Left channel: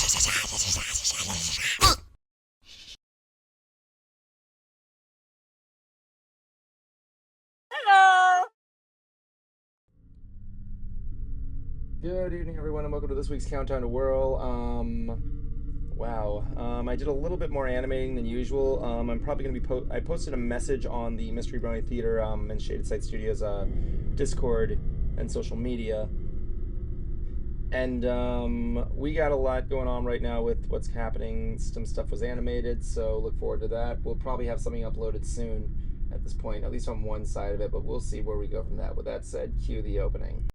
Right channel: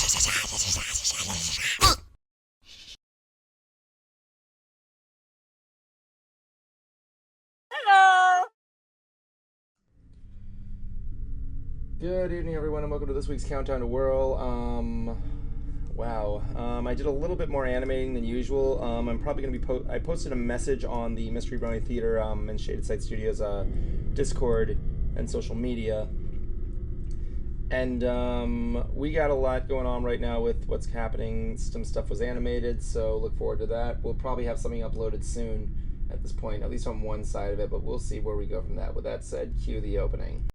Hello! Good evening, everyone, and welcome to this week's Countdown to Whirl. Wow. I did a little bit more animating than usual. I'm probably going to be I posted a message on the Mystery Brony Theater and Shaded Side Studios Discord and social media. And we got a lot going on right now with what's happening. Some stuff was animated, so look forward to that. We'll probably have something uploaded soon at this point, at least on one side of it, but we'll see where we go from that. With that said, cue the opening.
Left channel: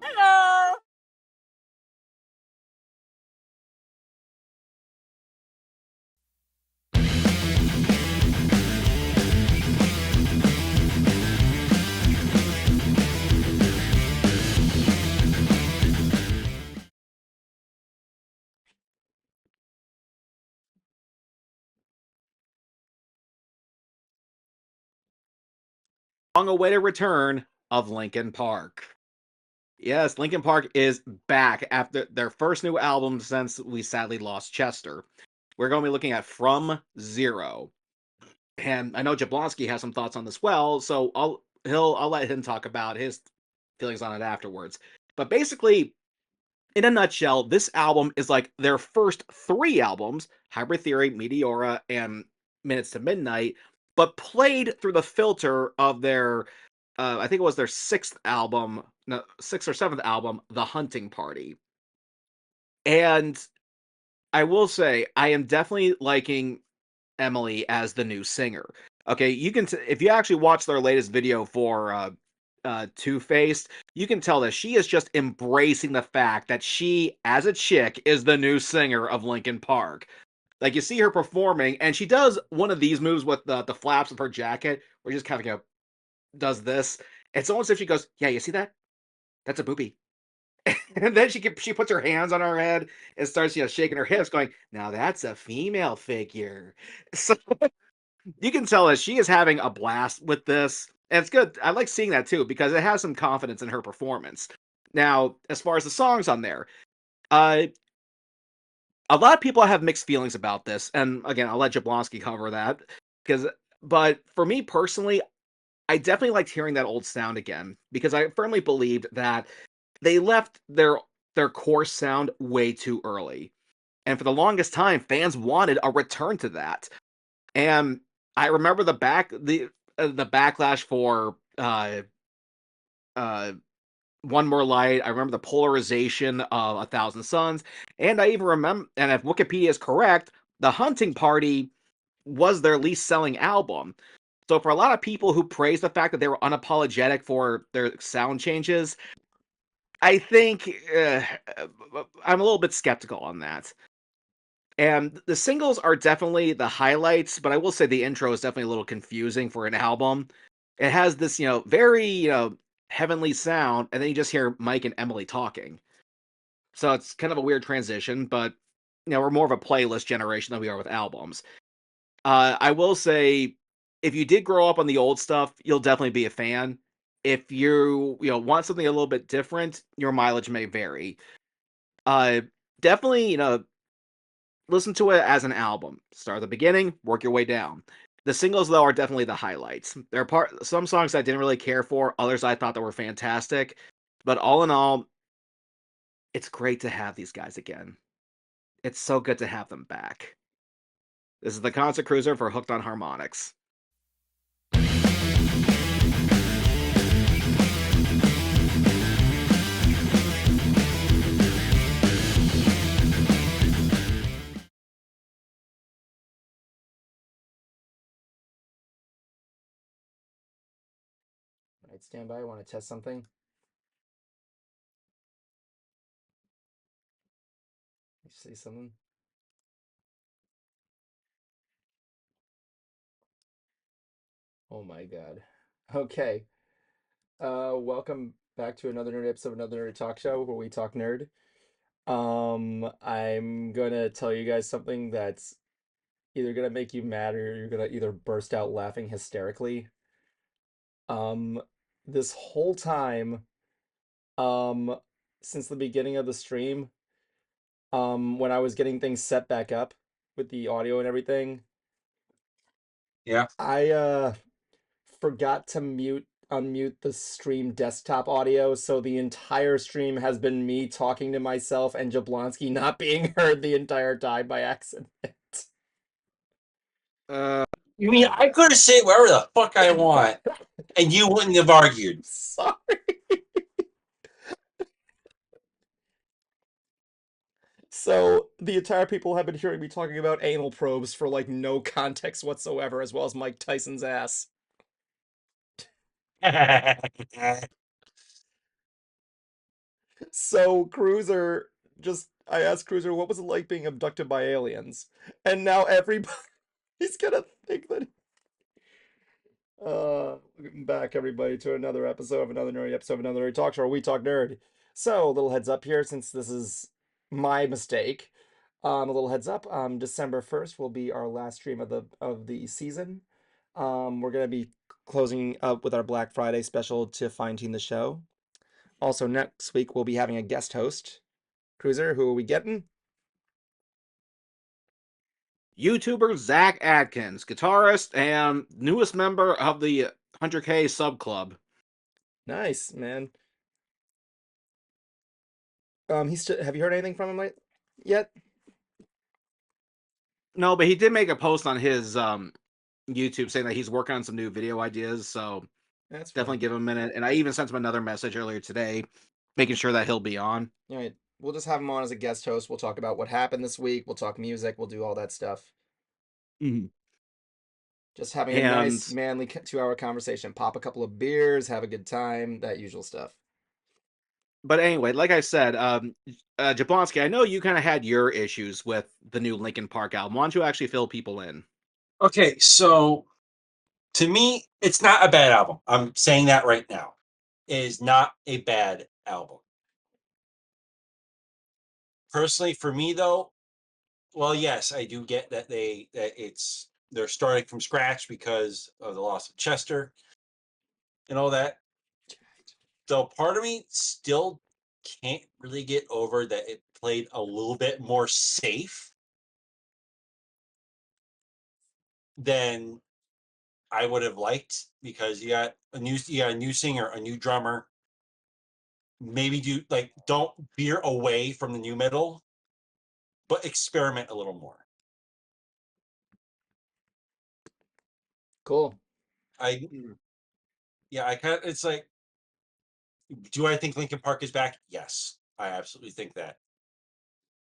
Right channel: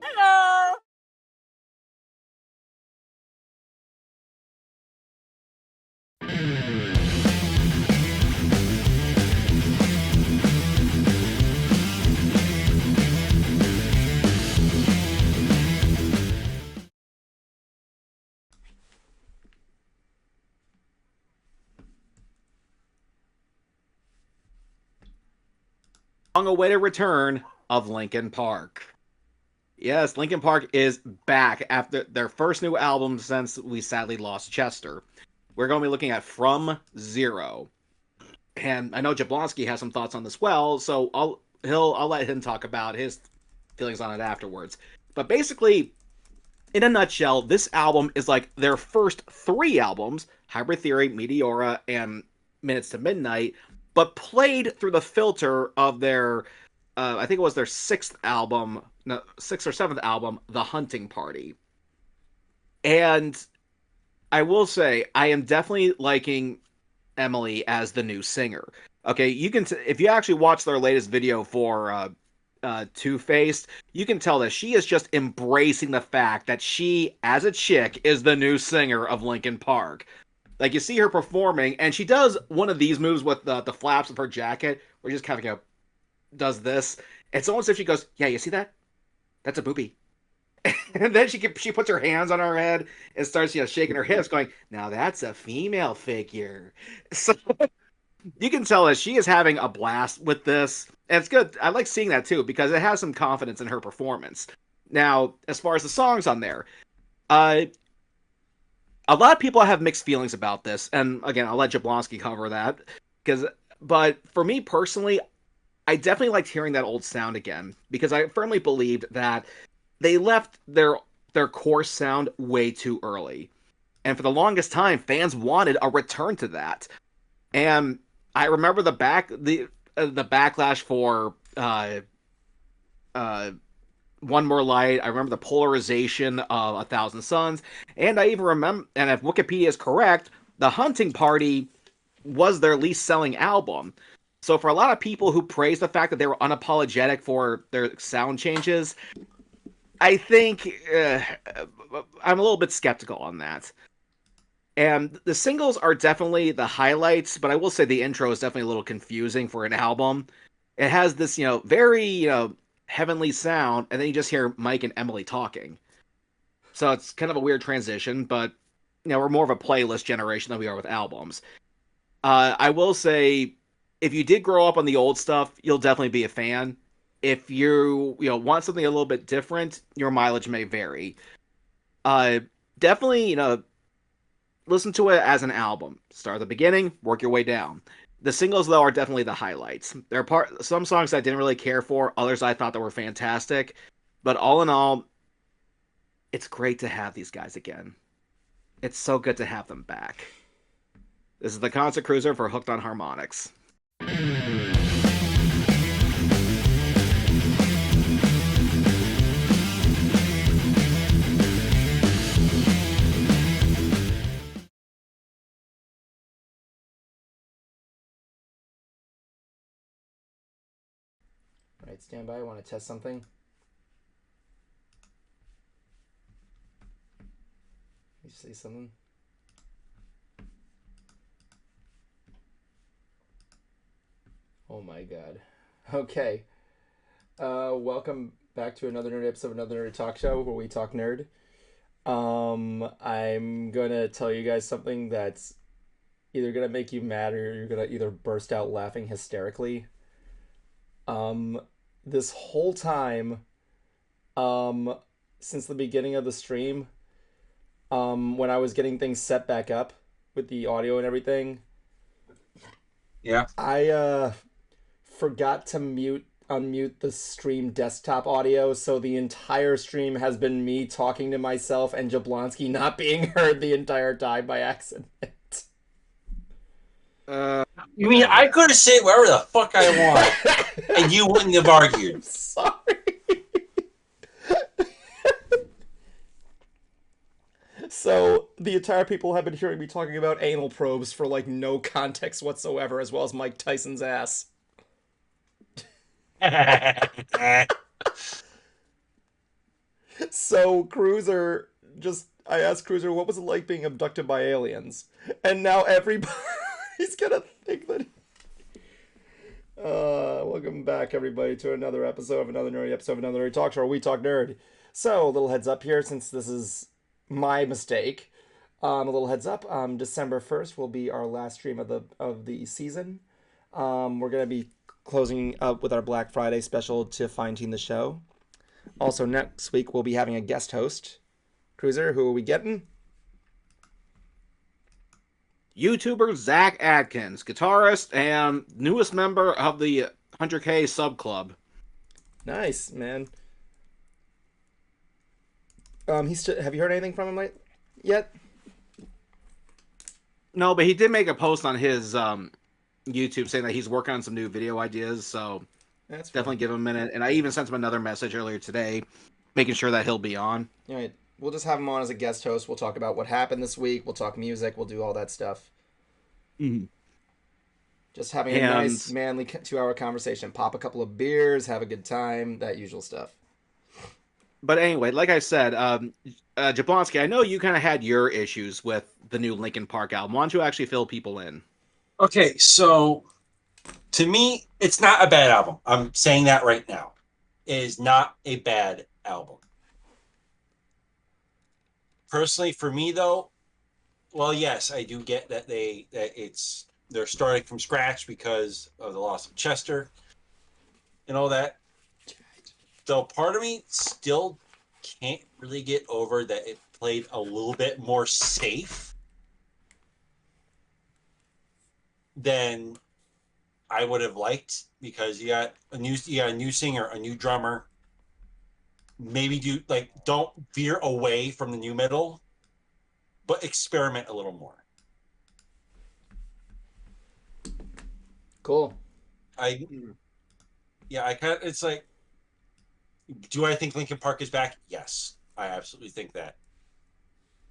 Hello! Long-awaited return of Linkin Park. Yes, Linkin Park is back after their first new album since we sadly lost Chester. We're going to be looking at From Zero. And I know Jablonski has some thoughts on this well, so I'll let him talk about his feelings on it afterwards. But basically, in a nutshell, this album is like their first three albums, Hybrid Theory, Meteora, and Minutes to Midnight, but played through the filter of their, I think it was their sixth or seventh album, The Hunting Party. And I will say, I am definitely liking Emily as the new singer. Okay, you can if you actually watch their latest video for Two-Faced, you can tell that she is just embracing the fact that she, as a chick, is the new singer of Linkin Park. Like, you see her performing, and she does one of these moves with the flaps of her jacket, where she just kind of does this. It's almost as if she goes, "Yeah, you see that? That's a boobie." And then she puts her hands on her head and starts shaking her hips, going, "Now that's a female figure." So you can tell that she is having a blast with this. And it's good. I like seeing that too because it has some confidence in her performance. Now, as far as the songs on there, uh, a lot of people have mixed feelings about this, and again, I'll let Jablonski cover that. But for me personally, I definitely liked hearing that old sound again because I firmly believed that they left their core sound way too early, and for the longest time, fans wanted a return to that. And I remember the backlash for uh, One More Light. I remember the polarization of A Thousand Suns, and I even remember. And if Wikipedia is correct, The Hunting Party was their least selling album. So for a lot of people who praise the fact that they were unapologetic for their sound changes, I think I'm a little bit skeptical on that. And the singles are definitely the highlights, but I will say the intro is definitely a little confusing for an album. It has this, very, heavenly sound, and then you just hear Mike and Emily talking. So it's kind of a weird transition, but, we're more of a playlist generation than we are with albums. I will say, if you did grow up on the old stuff, you'll definitely be a fan. If want something a little bit different, your mileage may vary. Definitely, listen to it as an album. Start at the beginning, work your way down. The singles, though, are definitely the highlights. There are some songs I didn't really care for, others I thought that were fantastic. But all in all, it's great to have these guys again. It's so good to have them back. This is the Concert Cruiser for Hooked on Harmonics. Alright, stand by. I want to test something. You say something? Oh my god. Okay. Welcome back to another nerd episode of Another Nerd Talk Show where we talk nerd. I'm gonna tell you guys something that's either gonna make you mad or you're gonna either burst out laughing hysterically. Um, this whole time, um, since the beginning of the stream, when I was getting things set back up with the audio and everything, Yeah. I forgot to unmute the stream desktop audio, so the entire stream has been me talking to myself and Jablonski not being heard the entire time by accident. You mean I could have said whatever the fuck I want, and you wouldn't have argued? I'm sorry. So the entire people have been hearing me talking about anal probes for like no context whatsoever, as well as Mike Tyson's ass. So Cruiser I asked Cruiser what was it like being abducted by aliens, and now everybody's gonna think that. Welcome back, everybody, to another episode of Another Nerdy Episode of Another Nerd Talk Show, where we talk nerd. So, a little heads up here, since this is my mistake. A little heads up. December 1st will be our last stream of the season. We're gonna be closing up with our Black Friday special to fine-tune the show. Also, next week we'll be having a guest host. Cruiser, who are we getting? YouTuber Zach Atkins, guitarist and newest member of the 100K sub club. Nice, man. Have you heard anything from him yet? No, but he did make a post on his YouTube saying that he's working on some new video ideas, so That's definitely give him a minute. And I even sent him another message earlier today, making sure that he'll be on. All right. We'll just have him on as a guest host. We'll talk about what happened this week. We'll talk music. We'll do all that stuff. Mm-hmm. Just having a nice, manly 2-hour conversation. Pop a couple of beers, have a good time, that usual stuff. But anyway, like I said, Jablonski, I know you kind of had your issues with the new Linkin Park album. Why don't you actually fill people in? Okay, so to me, it's not a bad album. I'm saying that right now. It is not a bad album. Personally, for me though, well, yes, I do get that they're starting from scratch because of the loss of Chester and all that. So part of me still can't really get over that it played a little bit more safe than I would have liked, because you got a new singer, a new drummer. Maybe don't veer away from the new metal, but experiment a little more. Cool. I kind of, it's like, do I think Linkin Park is back? Yes, I absolutely think that.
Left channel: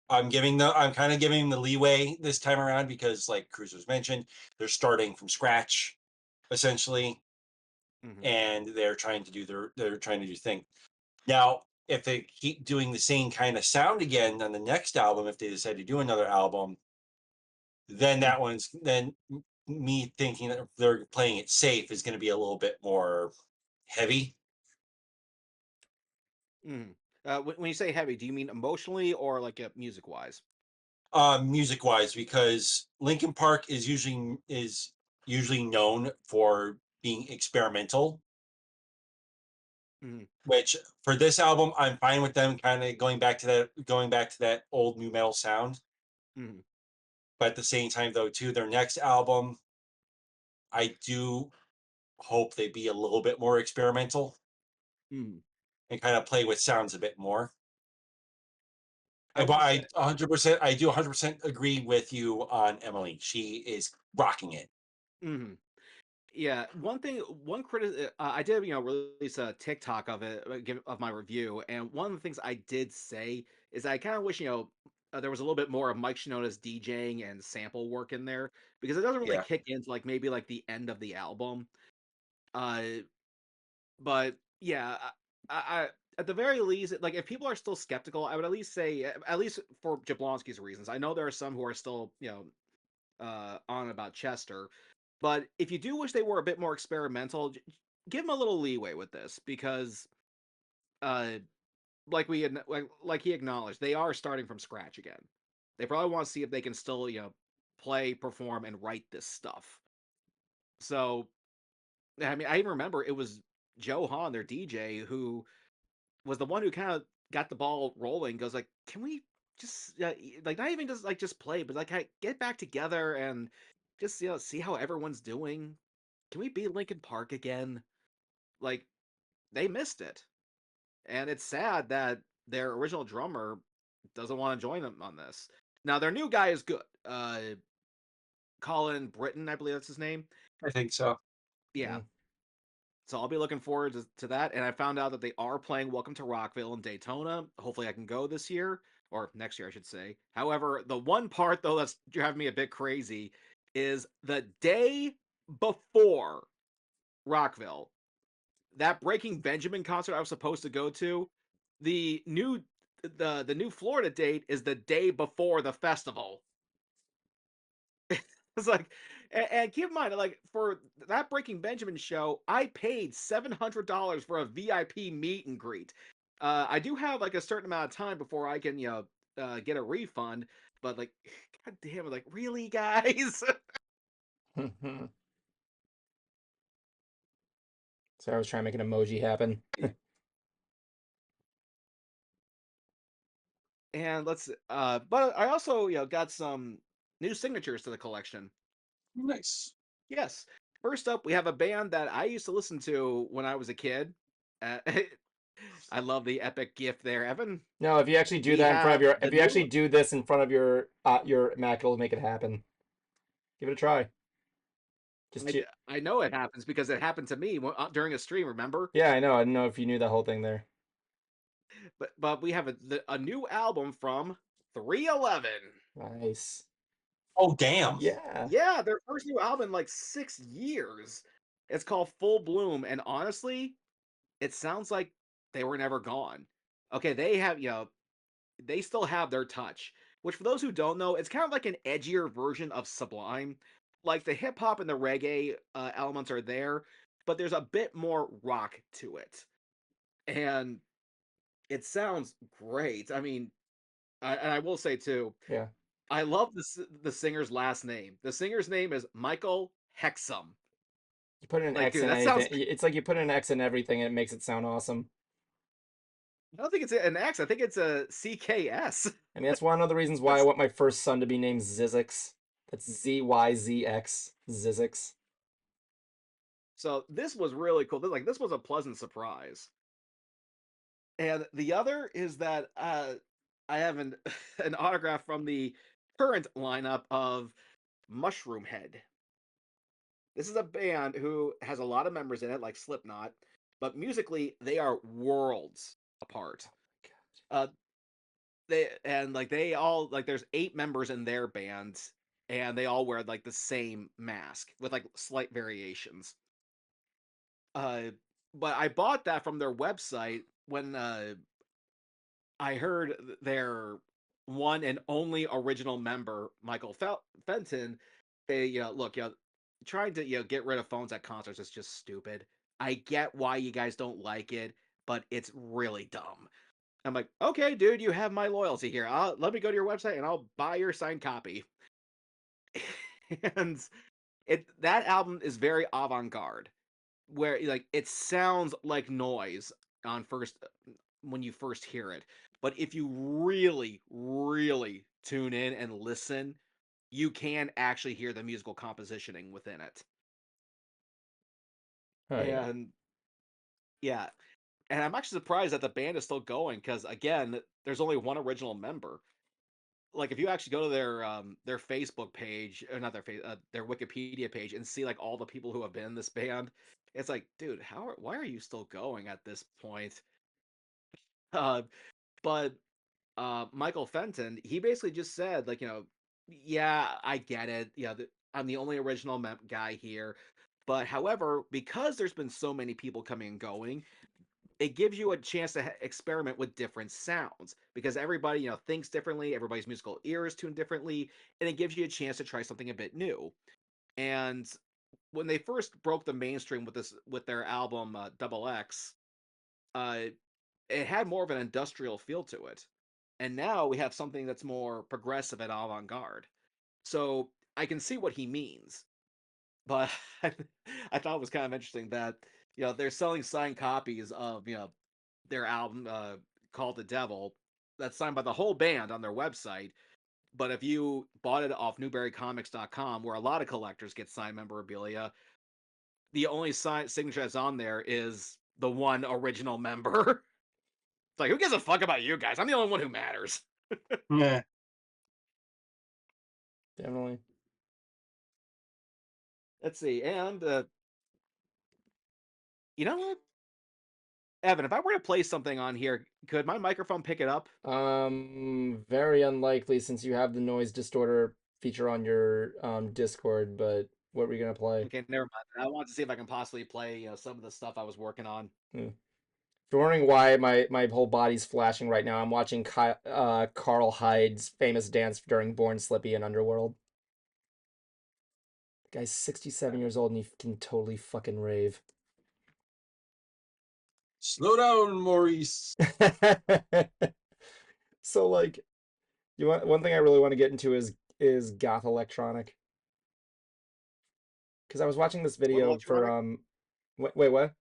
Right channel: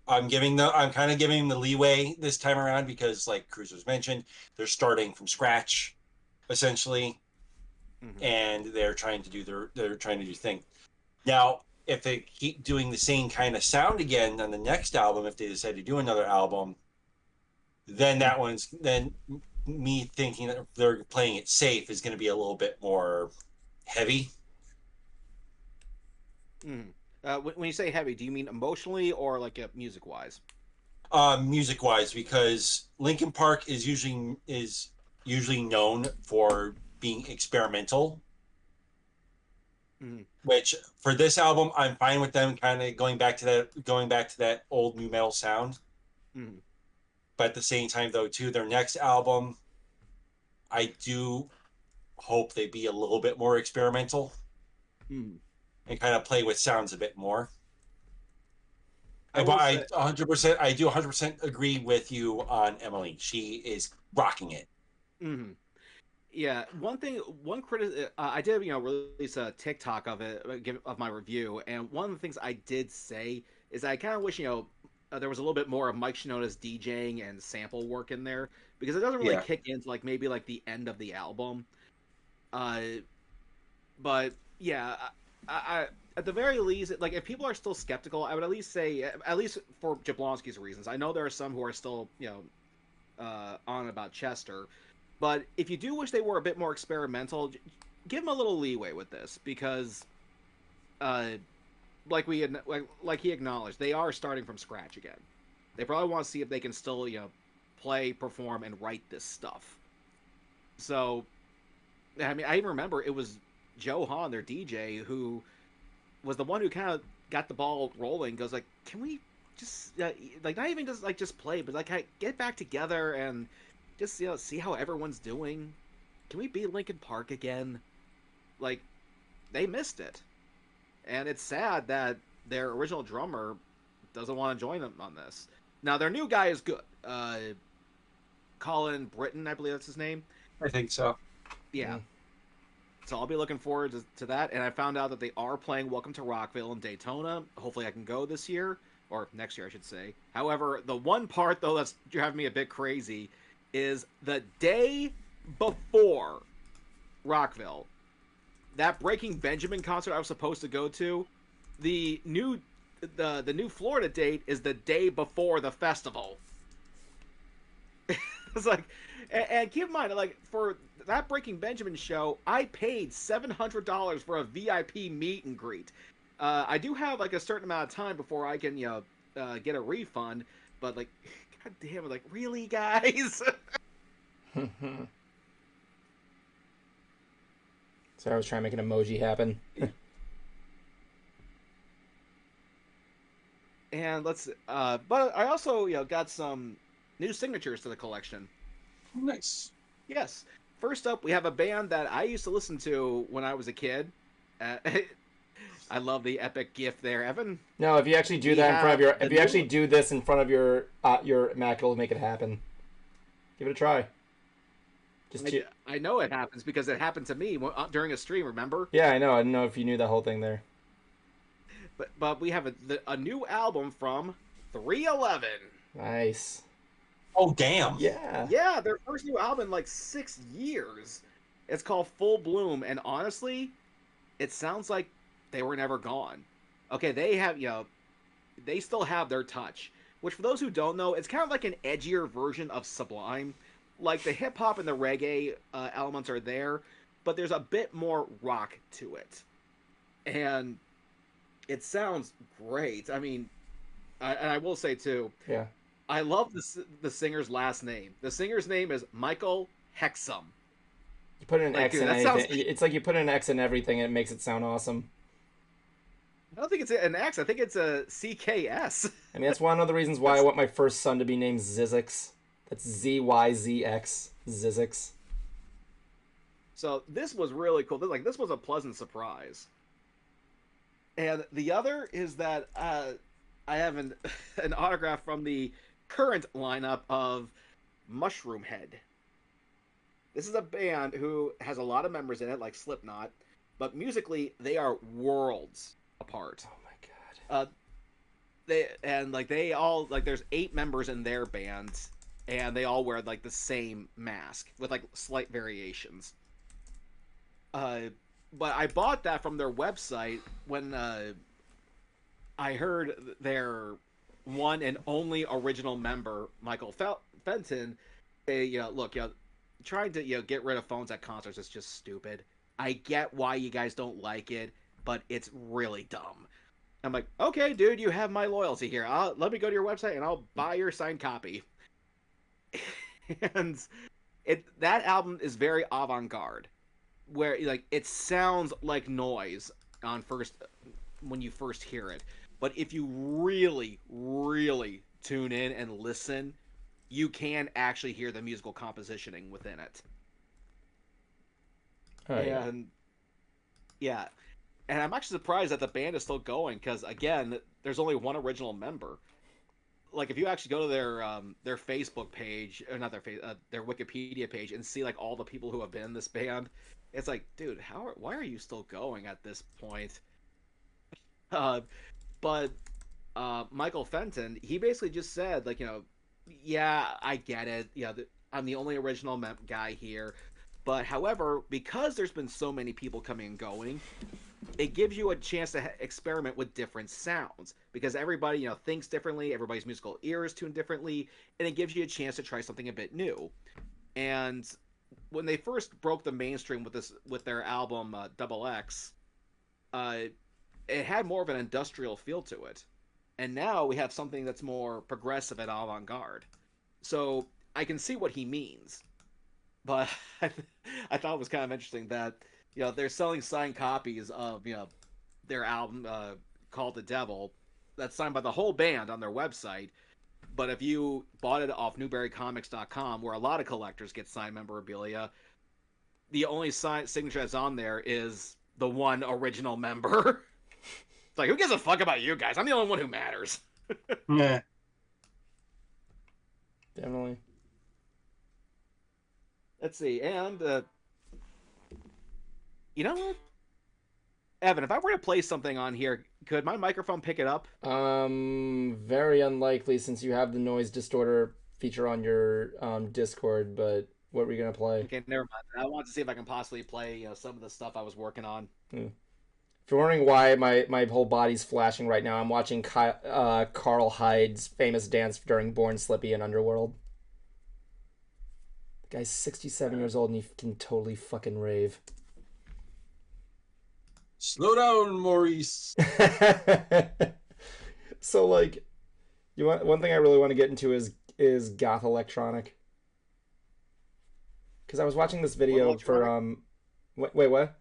I'm kind of giving the leeway this time around because, like Cruiser's mentioned, they're starting from scratch, essentially, and they're trying to do their thing. Now, if they keep doing the same kind of sound again on the next album, if they decide to do another album, then then me thinking that they're playing it safe is going to be a little bit more heavy. When you say heavy, do you mean emotionally or like music-wise? Music-wise, because Linkin Park is usually known for being experimental. Which for this album, I'm fine with them kind of going back to that old new metal sound. But at the same time, though, too, their next album, I do hope they be a little bit more experimental and kind of play with sounds a bit more. I 100% agree with you on Emily. She is rocking it. Yeah, I did, release a TikTok of it, of my review, and one of the things I did say is I kind of wish, there was a little bit more of Mike Shinoda's DJing and sample work in there, because it doesn't really kick into maybe the end of the album. But yeah, I at the very least, if people are still skeptical, I would at least say, at least for Jablonski's reasons. I know there are some who are still, on about Chester. But if you do wish they were a bit more experimental, give them a little leeway with this because, uh, like he acknowledged, they are starting from scratch again. They probably want to see if they can still, play, perform, and write this stuff. So, I mean, I even remember it was Joe Hahn, their DJ, who was the one who kind of got the ball rolling. Goes like, "Can we just like not even just play, but like get back together and just see how everyone's doing? Can we be Linkin Park again?" Like, they missed it, and it's sad that their original drummer doesn't want to join them on this. Now their new guy is good. Colin Britton, I believe that's his name. I think so. Yeah. So I'll be looking forward to that. And I found out that they are playing Welcome to Rockville in Daytona. Hopefully I can go this year, or next year I should say. However, the one part though that's driving me a bit crazy is the day before Rockville, that Breaking Benjamin concert I was supposed to go to, the new Florida date is the day before the festival. It's like, and keep in mind, like, for that Breaking Benjamin show, I paid $700 for a VIP meet and greet. I do have like a certain amount of time before I can, get a refund. But like, god damn it, like, really, guys? So I was trying to make an emoji happen. And but I also, got some new signatures to the collection. Nice. Yes. First up, we have a band that I used to listen to when I was a kid. I love the epic GIF there, Evan. No, if you actually do that in front of if you actually do this in front of your Mac, it'll make it happen. Give it a try. I know it happens because it happened to me during a stream. Remember? Yeah, I know. I don't know if you knew that whole thing there. But we have a new album from 311. Nice. Oh, damn. Yeah. Yeah, their first new album in like 6 years. It's called Full Bloom, and honestly, it sounds like they were never gone. Okay, they have, they still have their touch. Which, for those who don't know, it's kind of like an edgier version of Sublime. Like, the hip-hop and the reggae elements are there, but there's a bit more rock to it. And it sounds great. I mean, and I will say, too, yeah, I love the singer's last name. The singer's name is Michael Hexum. You put an X in anything. It's like you put an X in everything and it makes it sound awesome. I don't think it's an X. I think it's a CKS. I mean, that's one of the reasons why I want my first son to be named Zyzzyx. That's ZYZX. Zyzzyx. So this was really cool. This was a pleasant surprise. And the other is that I have an autograph from the current lineup of Mushroom Head. This is a band who has a lot of members in it, like Slipknot, but musically they are worlds apart. Oh my god. They all there's 8 members in their band, and they all wear like the same mask with like slight variations. But I bought that from their website when I heard their one and only original member, Michael Fenton, say, look, trying to get rid of phones at concerts is just stupid. I get why you guys don't like it, but it's really dumb. I'm like, okay, dude, you have my loyalty here. Let me go to your website and I'll buy your signed copy. And that album is very avant-garde, where like it sounds like noise when you first hear it. But if you really, really tune in and listen, you can actually hear the musical compositioning within it. Oh, and yeah. And I'm actually surprised that the band is still going because, again, there's only one original member. Like, if you actually go to their Facebook page, or not their Wikipedia page, and see like all the people who have been in this band, it's like, dude, why are you still going at this point? But Michael Fenton, he basically just said, like, yeah, I get it. I'm the only original guy here. But however, because there's been so many people coming and going, it gives you a chance to experiment with different sounds. Because everybody, thinks differently. Everybody's musical ear is tuned differently. And it gives you a chance to try something a bit new. And when they first broke the mainstream with their album Double X, uh, it had more of an industrial feel to it, and now we have something that's more progressive and avant-garde. So I can see what he means, but I thought it was kind of interesting that they're selling signed copies of their album called The Devil that's signed by the whole band on their website. But if you bought it off NewberryComics.com, where a lot of collectors get signed memorabilia, the only signature that's on there is the one original member. It's like, who gives a fuck about you guys? I'm the only one who matters. Yeah. Definitely. Let's see, and you know what, Evan, if I were to play something on here, could my microphone pick it up? Very unlikely since you have the noise distorter feature on your Discord. But what are we gonna play? Okay, never mind. I want to see if I can possibly play some of the stuff I was working on. If you're wondering why my whole body's flashing right now, I'm watching Carl Hyde's famous dance during Born Slippy in Underworld. The guy's 67 years old and he can totally fucking rave. Slow down, Maurice. So like, one thing I really want to get into is goth electronic. Because I was watching this video for wait, what?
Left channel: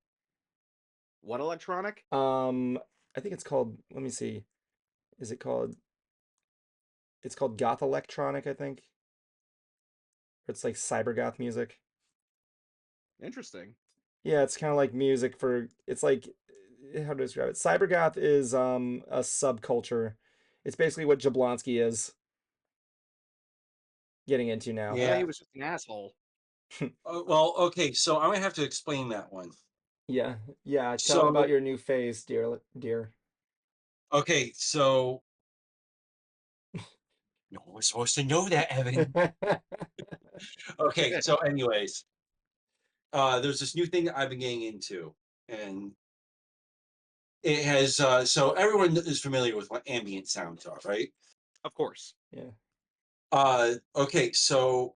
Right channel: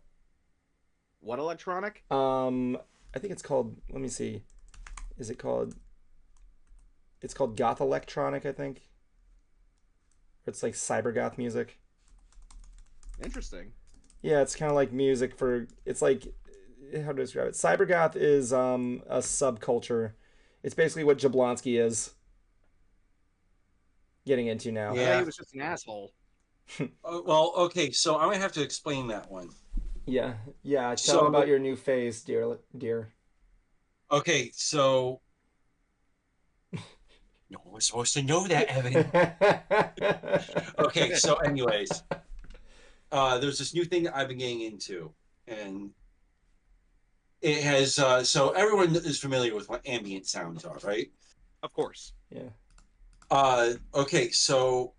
What electronic? I think it's called. Let me see. Is it called? It's called goth electronic, I think. It's like cyber goth music. Interesting. Yeah, it's kind of like music for. It's like, how to describe it? Cyber goth is a subculture. It's basically what Jablonski is getting into now. Yeah, he was just an asshole. Well, okay, so I'm gonna have to explain that one. Yeah. Tell about your new phase, dear. Okay, so no one was supposed to know that, Evan. Okay, so anyways, there's this new thing that I've been getting into, and it has so everyone is familiar with what ambient sounds are, right? Of course. Yeah. Okay, so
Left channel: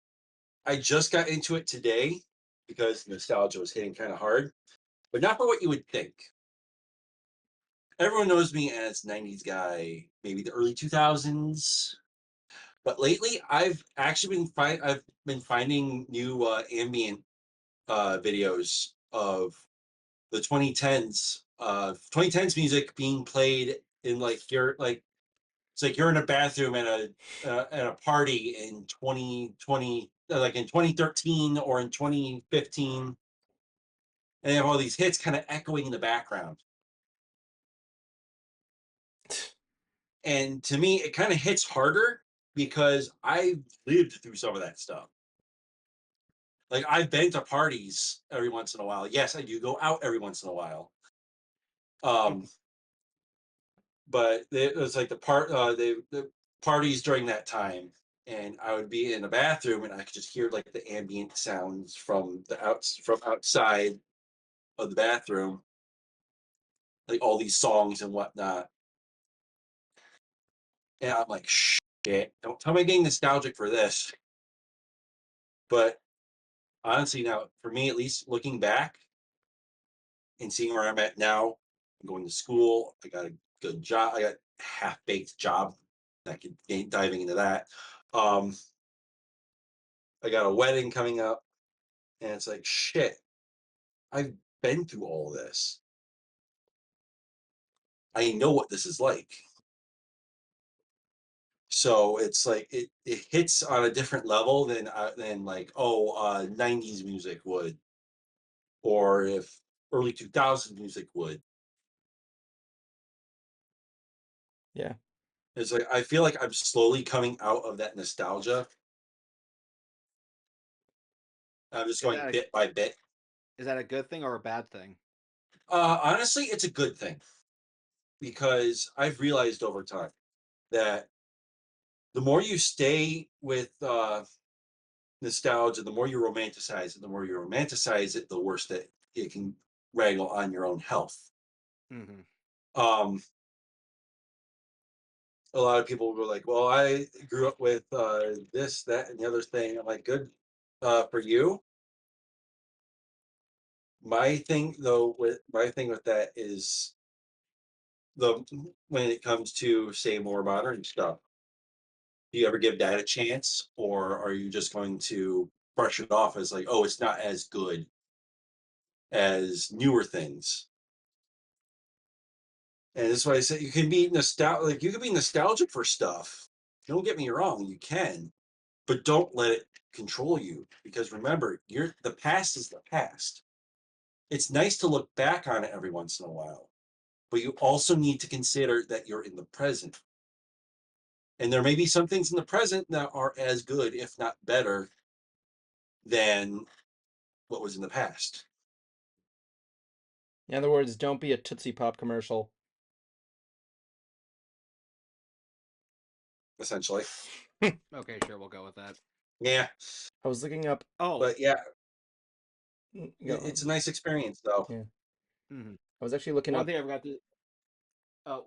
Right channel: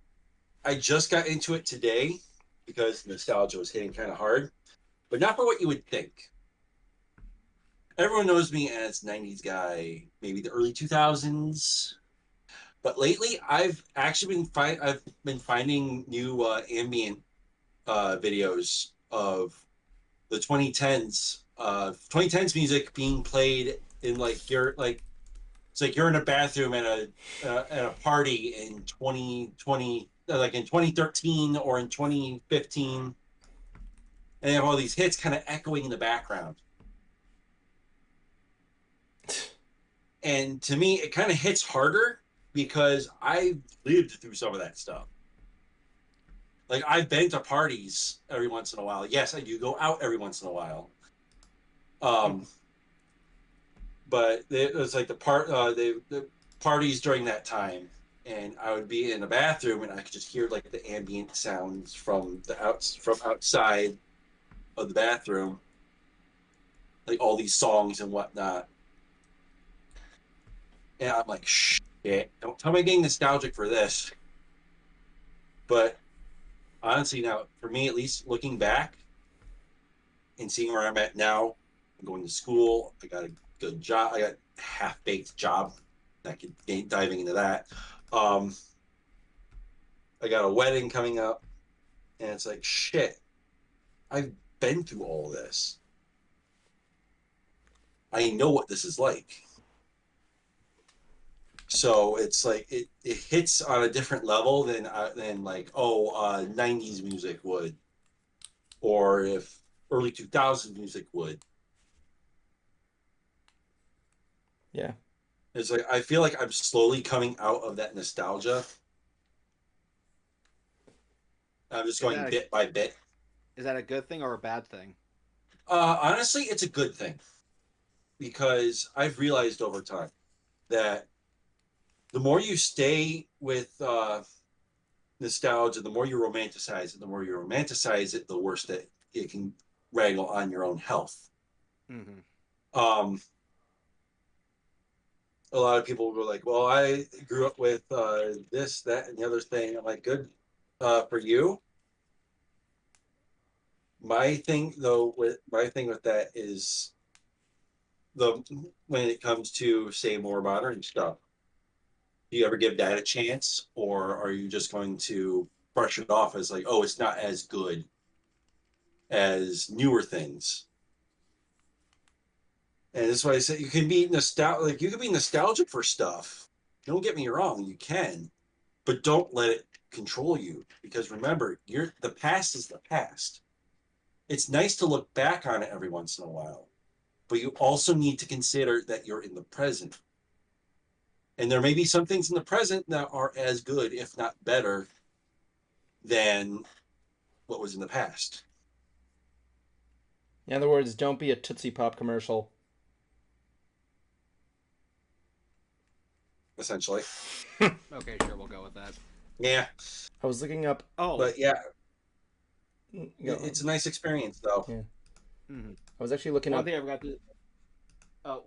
I just got into it today because nostalgia was hitting kind of hard, but not for what you would think. Everyone knows me as 90s guy, maybe the early 2000s. But lately, I've actually been finding new ambient videos of the 2010s. 2010s music being played in it's like you're in a bathroom at a party in 2020, like in 2013 or in 2015, and they have all these hits kind of echoing in the background. And to me, it kind of hits harder because I've lived through some of that stuff. Like, I've been to parties every once in a while. Yes, I do go out every once in a while. But it was like the parties during that time, and I would be in the bathroom and I could just hear like the ambient sounds from outside of the bathroom, like all these songs and whatnot. And I'm like, shit, don't tell me I'm getting nostalgic for this. But honestly, now, for me at least, looking back and seeing where I'm at now, I'm going to school, I got a good job, I got a half-baked job. I could diving into that. I got a wedding coming up, and it's like, shit, I've been through all this. I know what this is like. So it's like it hits on a different level than like 90s music would, or if early 2000s music would. Yeah. It's like I feel like I'm slowly coming out of that nostalgia. I'm just going bit by bit. Is that a good thing or a bad thing? Honestly, it's a good thing because I've realized over time that the more you stay with nostalgia, the more you romanticize it. The more you romanticize it, the worse that it can wrangle on your own health. Mm-hmm. A lot of people go like, "Well, I grew up with this, that, and the other thing." I'm like, "Good for you." My thing with that is when it comes to say more modern stuff, do you ever give that a chance, or are you just going to brush it off as like, oh, it's not as good as newer things? And that's why I said you can be nostalgic. Like, you can be nostalgic for stuff. Don't get me wrong, you can, but don't let it control you. Because remember, the past is the past. It's nice to look back on it every once in a while, but you also need to consider that you're in the present. And there may be some things in the present that are as good, if not better, than what was in the past. In other words, don't be a Tootsie Pop commercial. Essentially. Okay, sure, we'll go with that. Yeah. I was looking up. Oh, but yeah, it's a nice experience, though. Yeah. Mm-hmm. I was actually looking up.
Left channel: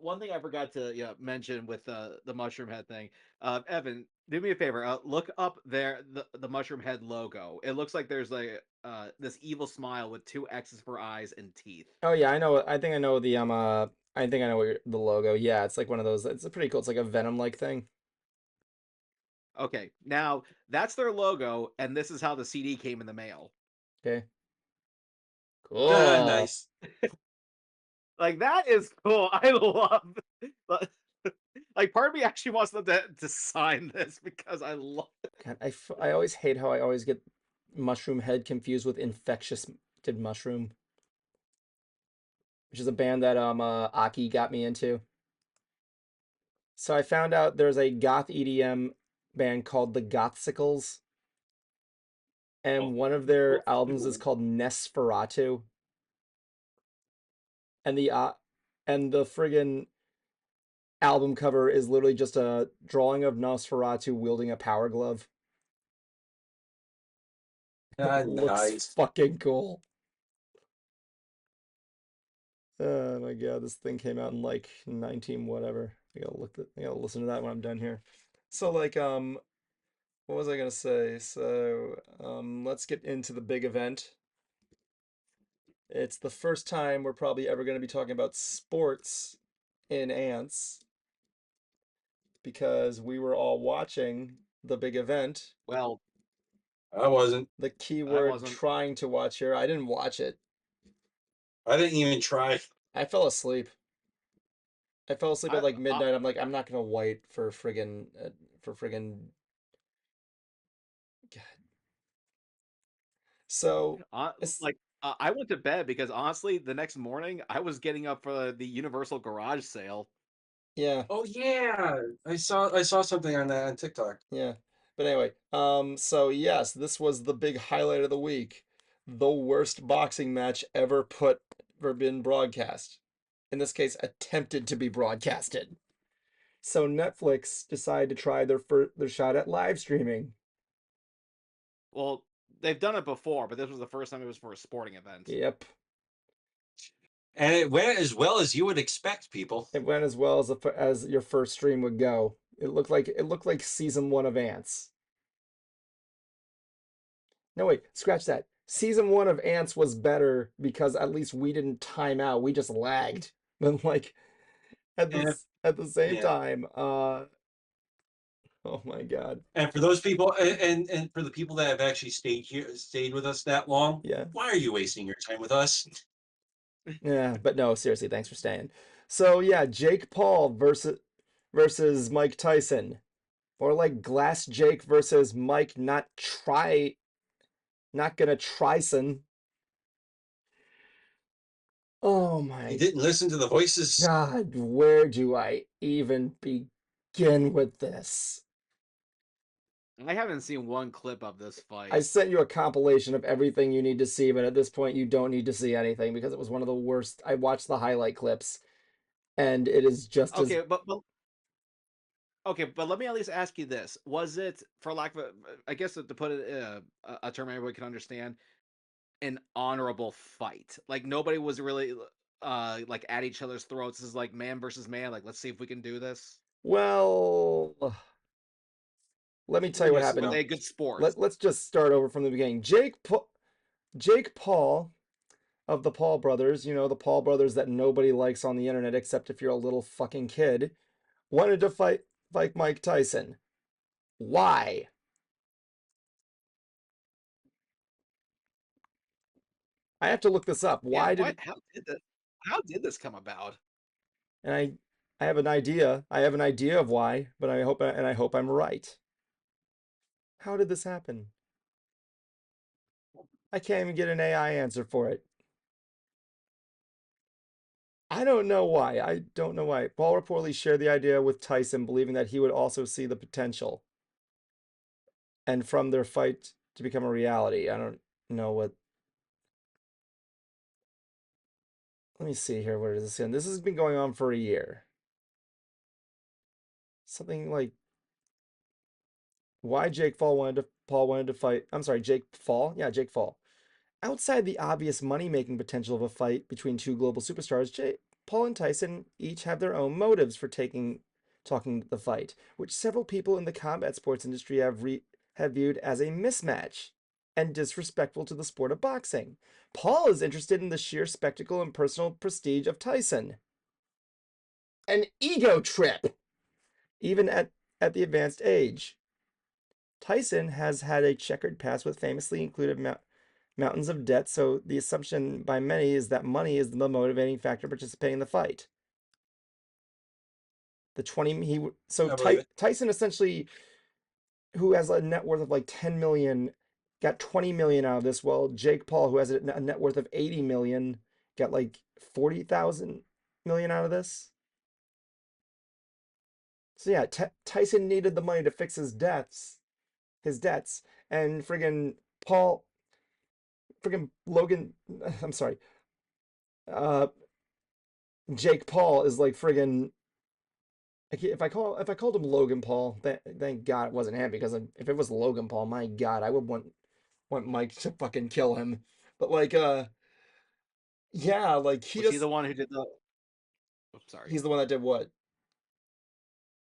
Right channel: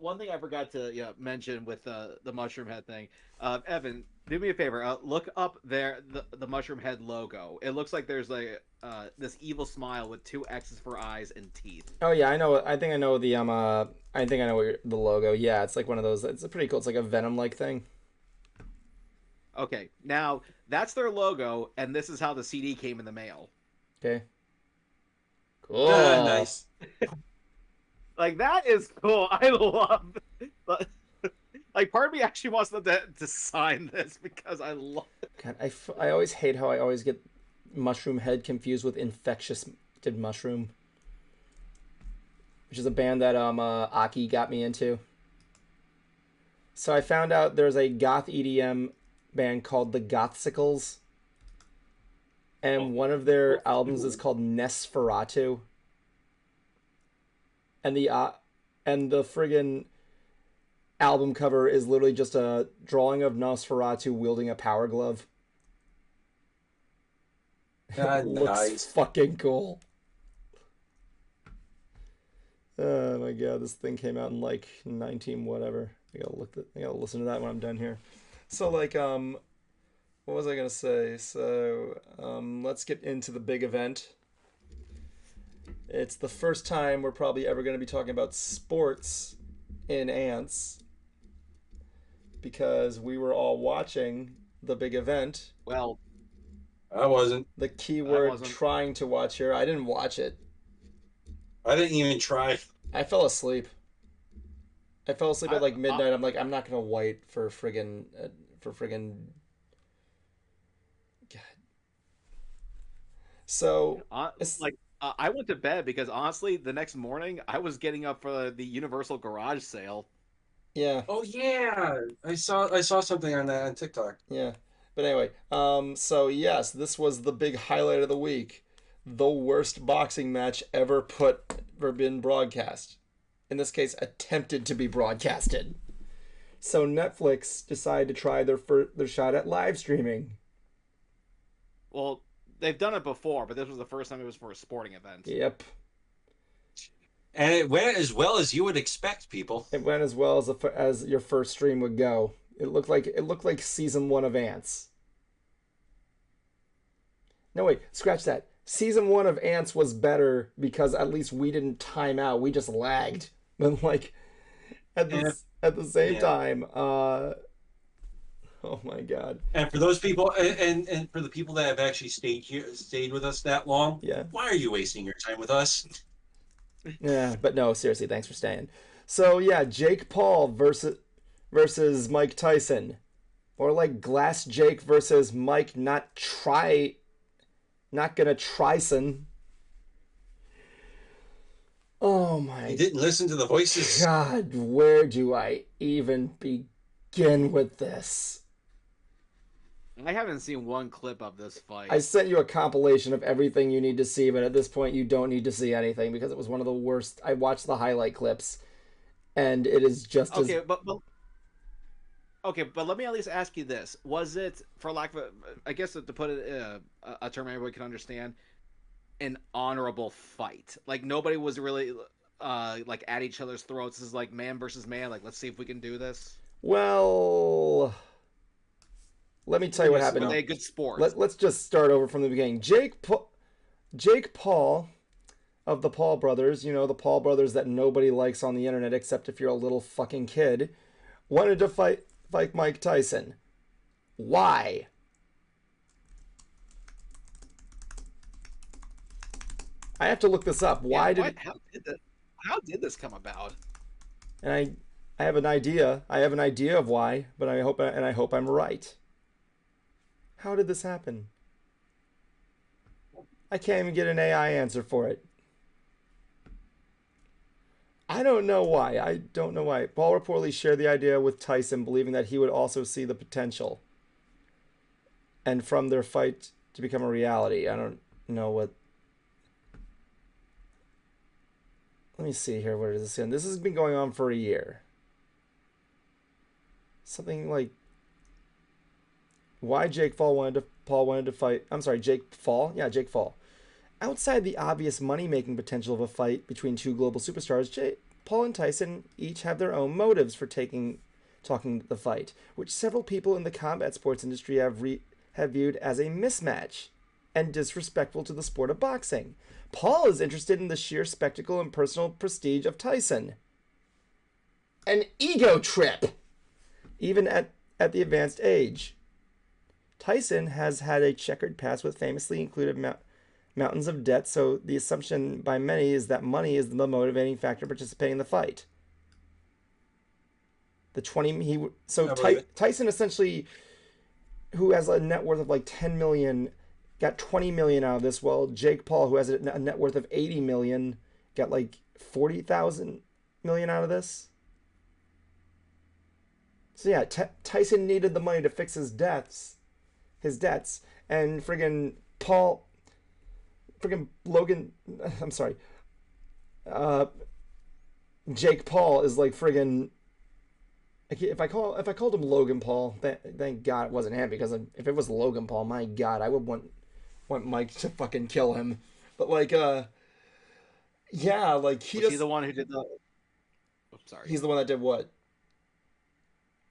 One thing I forgot to mention with the mushroom head thing. Evan, do me a favor. Look up the mushroom head logo. It looks like there's like this evil smile with 2 X's for eyes and teeth. Oh yeah, I know. I think I know the I think I know the logo. Yeah, it's like one of those. It's pretty cool. It's like a Venom-like thing. Okay, now that's their logo, and this is how the CD came in the mail. Okay. Cool. Nice. Like, that is cool. I love it. Like, part of me actually wants them to sign this because I love it. God, I always hate how I always get Mushroom Head confused with Infectious Did Mushroom, which is a band that Aki got me into. So I found out there's a goth EDM band called the Gothsicles, and one of their albums is called Nesferatu. And the friggin' album cover is literally just a drawing of Nosferatu wielding a power glove. It looks nice. fucking cool. Oh my god, this thing came out in like 19 whatever. I gotta listen to that when I'm done here. So like what was I gonna say? So let's get into the big event. It's the first time we're probably ever going to be talking about sports in Ants, because we were all watching the big event. Well, I wasn't. The keyword trying to watch here. I didn't watch it. I didn't even try. I fell asleep. At like midnight. I'm like, I'm not going to wait for friggin' God. So I went to bed because honestly, the next morning I was getting up for the Universal Garage sale. Yeah. Oh yeah, I saw something on that on TikTok. Yeah, but anyway, so yes, this was the big highlight of the week, the worst boxing match ever been broadcast. In this case, attempted to be broadcasted. So Netflix decided to try their shot at live streaming. Well, they've done it before, but this was the first time it was for a sporting event. Yep. And it went as well as you would expect, people. It went as well as your first stream would go. It looked like season 1 of Ants. No wait, scratch that. Season 1 of Ants was better because at least we didn't time out. We just lagged. But like at the same time, oh my god. And for those people, and for the people that have actually stayed with us that long, yeah, why are you wasting your time with us? Yeah, but no, seriously, thanks for staying. So yeah, Jake Paul versus Mike Tyson, or like Glass Jake versus Mike not gonna TRYSON. Oh my! You didn't listen to the voices. God, where do I even begin with this? I haven't seen one clip of this fight. I sent you a compilation of everything you need to see, but at this point you don't need to see anything because it was one of the worst. I watched the highlight clips, and it is just okay, but let me at least ask you this: was it, for lack of I guess to put it in a term everybody can understand, an honorable fight? Like nobody was really like at each other's throats. This is like man versus man. Like, let's see if we can do this. Well, let me tell you what happened. Were they good sports? Let's just start over from the beginning. Jake Paul of the Paul brothers, you know, the Paul brothers that nobody likes on the internet except if you're a little fucking kid, wanted to fight Mike Tyson. Why? I have to look this up. Why did how did this come about? and I have an idea. I have an idea of why, but I hope I'm right. How did this happen? I can't even get an AI answer for it. I don't know why. I don't know why. Paul reportedly shared the idea with Tyson, believing that he would also see the potential. And from their fight to become a reality. I don't know what. Let me see here. Where does this end? This has been going on for a year. Something like why Paul wanted to fight. I'm sorry, Jake Paul. Yeah, Jake Paul. Outside the obvious money-making potential of a fight between two global superstars, Paul and Tyson each have their own motives for talking the fight, which several people in the combat sports industry have viewed as a mismatch and disrespectful to the sport of boxing. Paul is interested in the sheer spectacle and personal prestige of Tyson. An ego trip, even at the advanced age. Tyson has had a checkered past with famously included mountains of debt, so the assumption by many is that money is the motivating factor participating in the fight. Tyson essentially, who has a net worth of like 10 million, got 20 million out of this, while Jake Paul, who has a net worth of 80 million, got like 40,000 million out of this. So yeah, Tyson needed the money to fix his debts, and friggin' Jake Paul is like friggin'. If I called him Logan Paul, thank God it wasn't him, because if it was Logan Paul, my God, I would want Mike to fucking kill him. But like, yeah, like Was he the one who did the? Oh, sorry. He's the one that did what?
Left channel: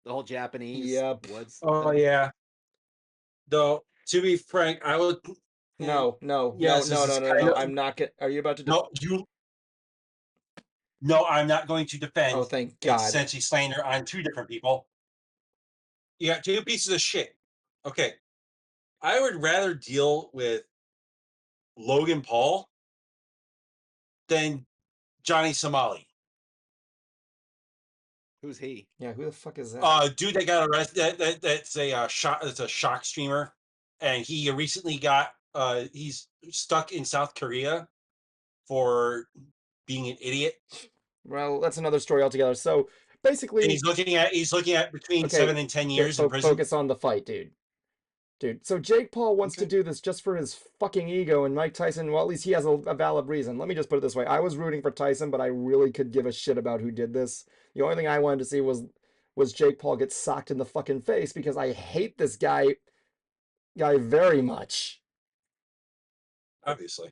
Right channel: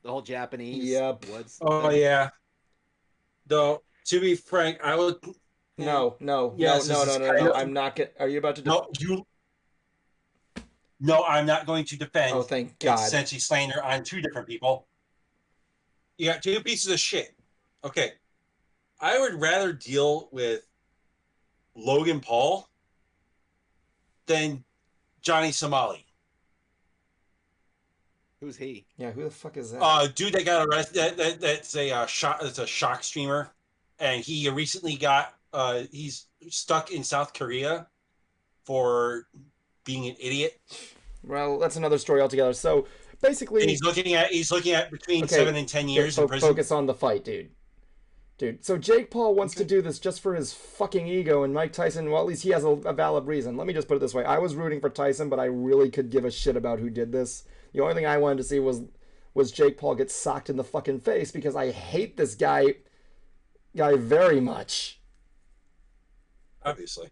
The whole Japanese. Yep. Yeah. Though to be frank, I would. No. I'm not get. Are you about to? No, I'm not going to defend. Oh, thank God. Essentially slander on two different people. You got two pieces of shit. Okay. I would rather deal with Logan Paul than Johnny Somali. Who's he? Yeah, who the fuck is that? Dude that got arrested. That's a shock streamer, and he recently got he's stuck in South Korea for being an idiot. Well, that's another story altogether. So basically, and he's looking at between 7 and 10 years in prison. Focus on the fight, dude. So Jake Paul wants to do this just for his fucking ego, and Mike Tyson, well, at least he has a valid reason. Let me just put it this way: I was rooting for Tyson, but I really could give a shit about who did this. The only thing I wanted to see was Jake Paul get socked in the fucking face, because I hate this guy very much. Obviously.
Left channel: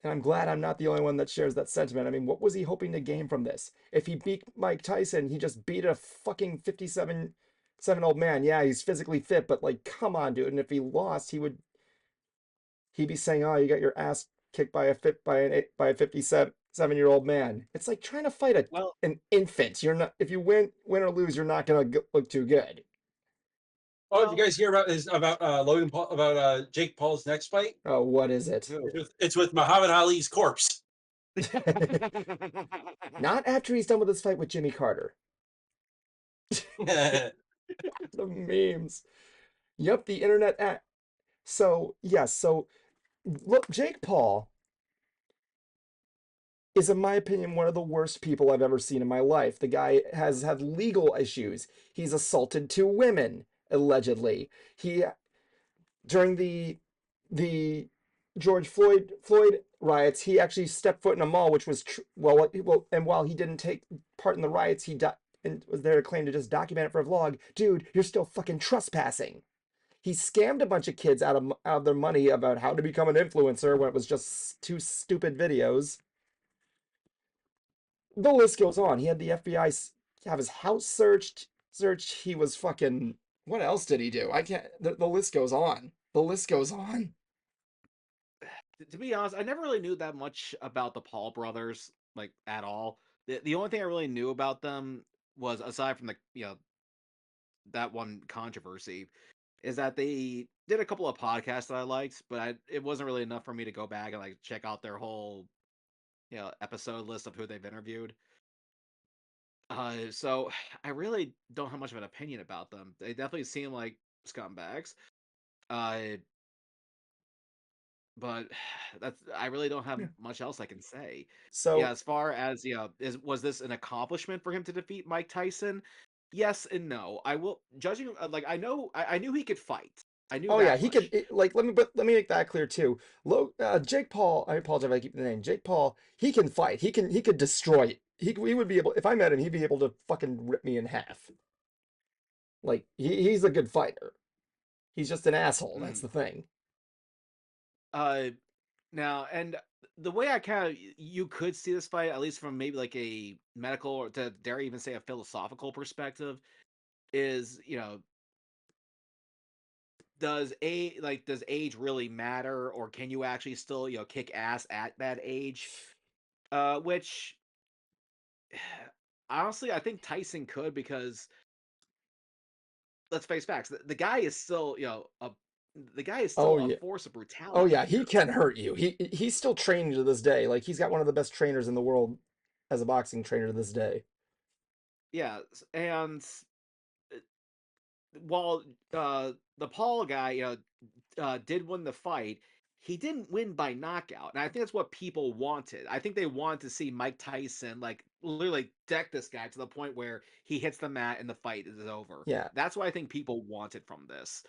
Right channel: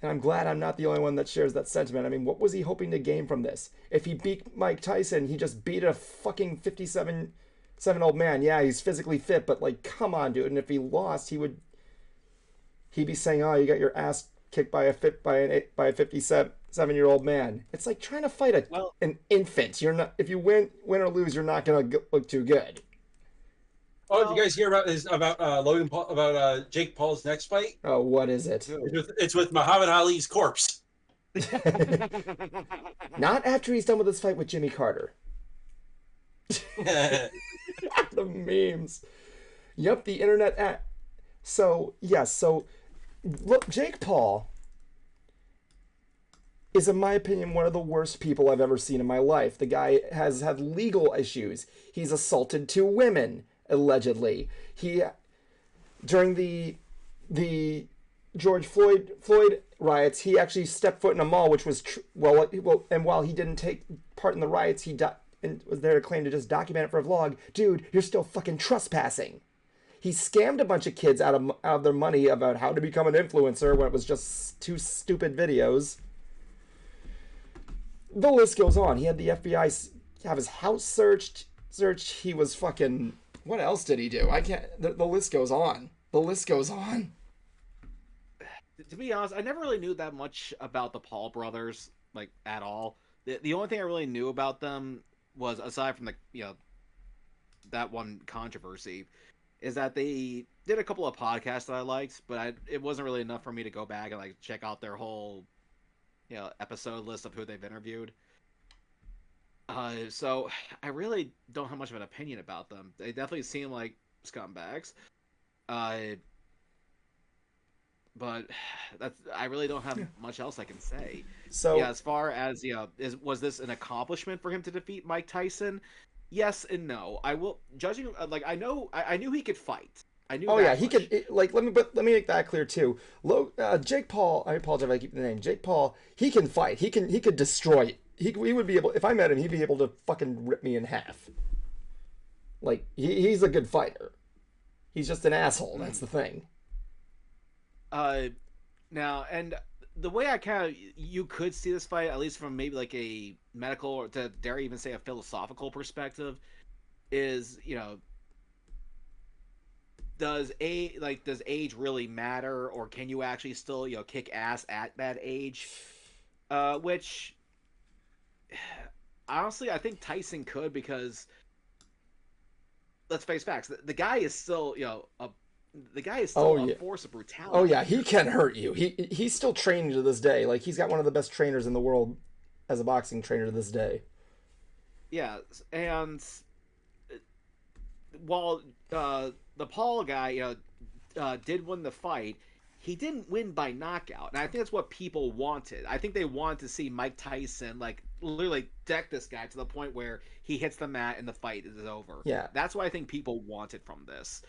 And I'm glad I'm not the only one that shares that sentiment. I mean, what was he hoping to gain from this? If he beat Mike Tyson, he just beat a fucking 57-old man. Yeah, he's physically fit, but like, come on, dude. And if he lost, he'd be saying, "Oh, you got your ass kicked by a 57-year-old man." It's like trying to fight an infant. You're not. If you win or lose, you're not gonna look too good. Oh, you guys hear about Logan Paul, about Jake Paul's next fight? Oh, what is it? It's with Muhammad Ali's corpse. Not after he's done with his fight with Jimmy Carter. The memes. Yep, the internet. So yes, look, Jake Paul is, in my opinion, one of the worst people I've ever seen in my life. The guy has had legal issues. He's assaulted 2 women. Allegedly, during the George Floyd riots, he actually stepped foot in a mall, which was and while he didn't take part in the riots, and was there claimed to just document it for a vlog. Dude, you're still fucking trespassing. He scammed a bunch of kids out of their money about how to become an influencer when it was just 2 stupid videos. The list goes on. He had the FBI have his house searched. He was fucking. What else did he do? I can't. The list goes on. The list goes on. to be honest, I never really knew that much about the Paul brothers, like at all. The only thing I really knew about them was, aside from that one controversy, is that they did a couple of podcasts that I liked, but it wasn't really enough for me to go back and like check out their whole episode list of who they've interviewed. So I really don't have much of an opinion about them. They definitely seem like scumbags. Uh, but I really don't have much else I can say. So Yeah, as far as was this an accomplishment for him to defeat Mike Tyson? Yes and no. I will judging like I knew he could fight. I knew. Oh yeah, he could. Like let me make that clear too. Jake Paul. I apologize if I keep the name. Jake Paul. He can fight. He could destroy. He would be able. If I met him, he'd be able to fucking rip me in half. Like he's a good fighter. He's just an asshole. That's the thing. Now, and the way I kind of you could see this fight, at least from maybe like a medical, or to dare even say a philosophical perspective, is does age really matter, or can you actually still kick ass at that age? Which honestly, I think Tyson could, because let's face facts, the guy is still a force of brutality. Oh yeah, he can hurt you. He's still training to this day. Like he's got one of the best trainers in the world as a boxing trainer to this day. Yeah, and while the Paul guy did win the fight, he didn't win by knockout, and I think that's what people wanted. I think they wanted to see Mike Tyson like literally deck this guy to the point where he hits the mat and the fight is over. Yeah, that's what I think people wanted from this.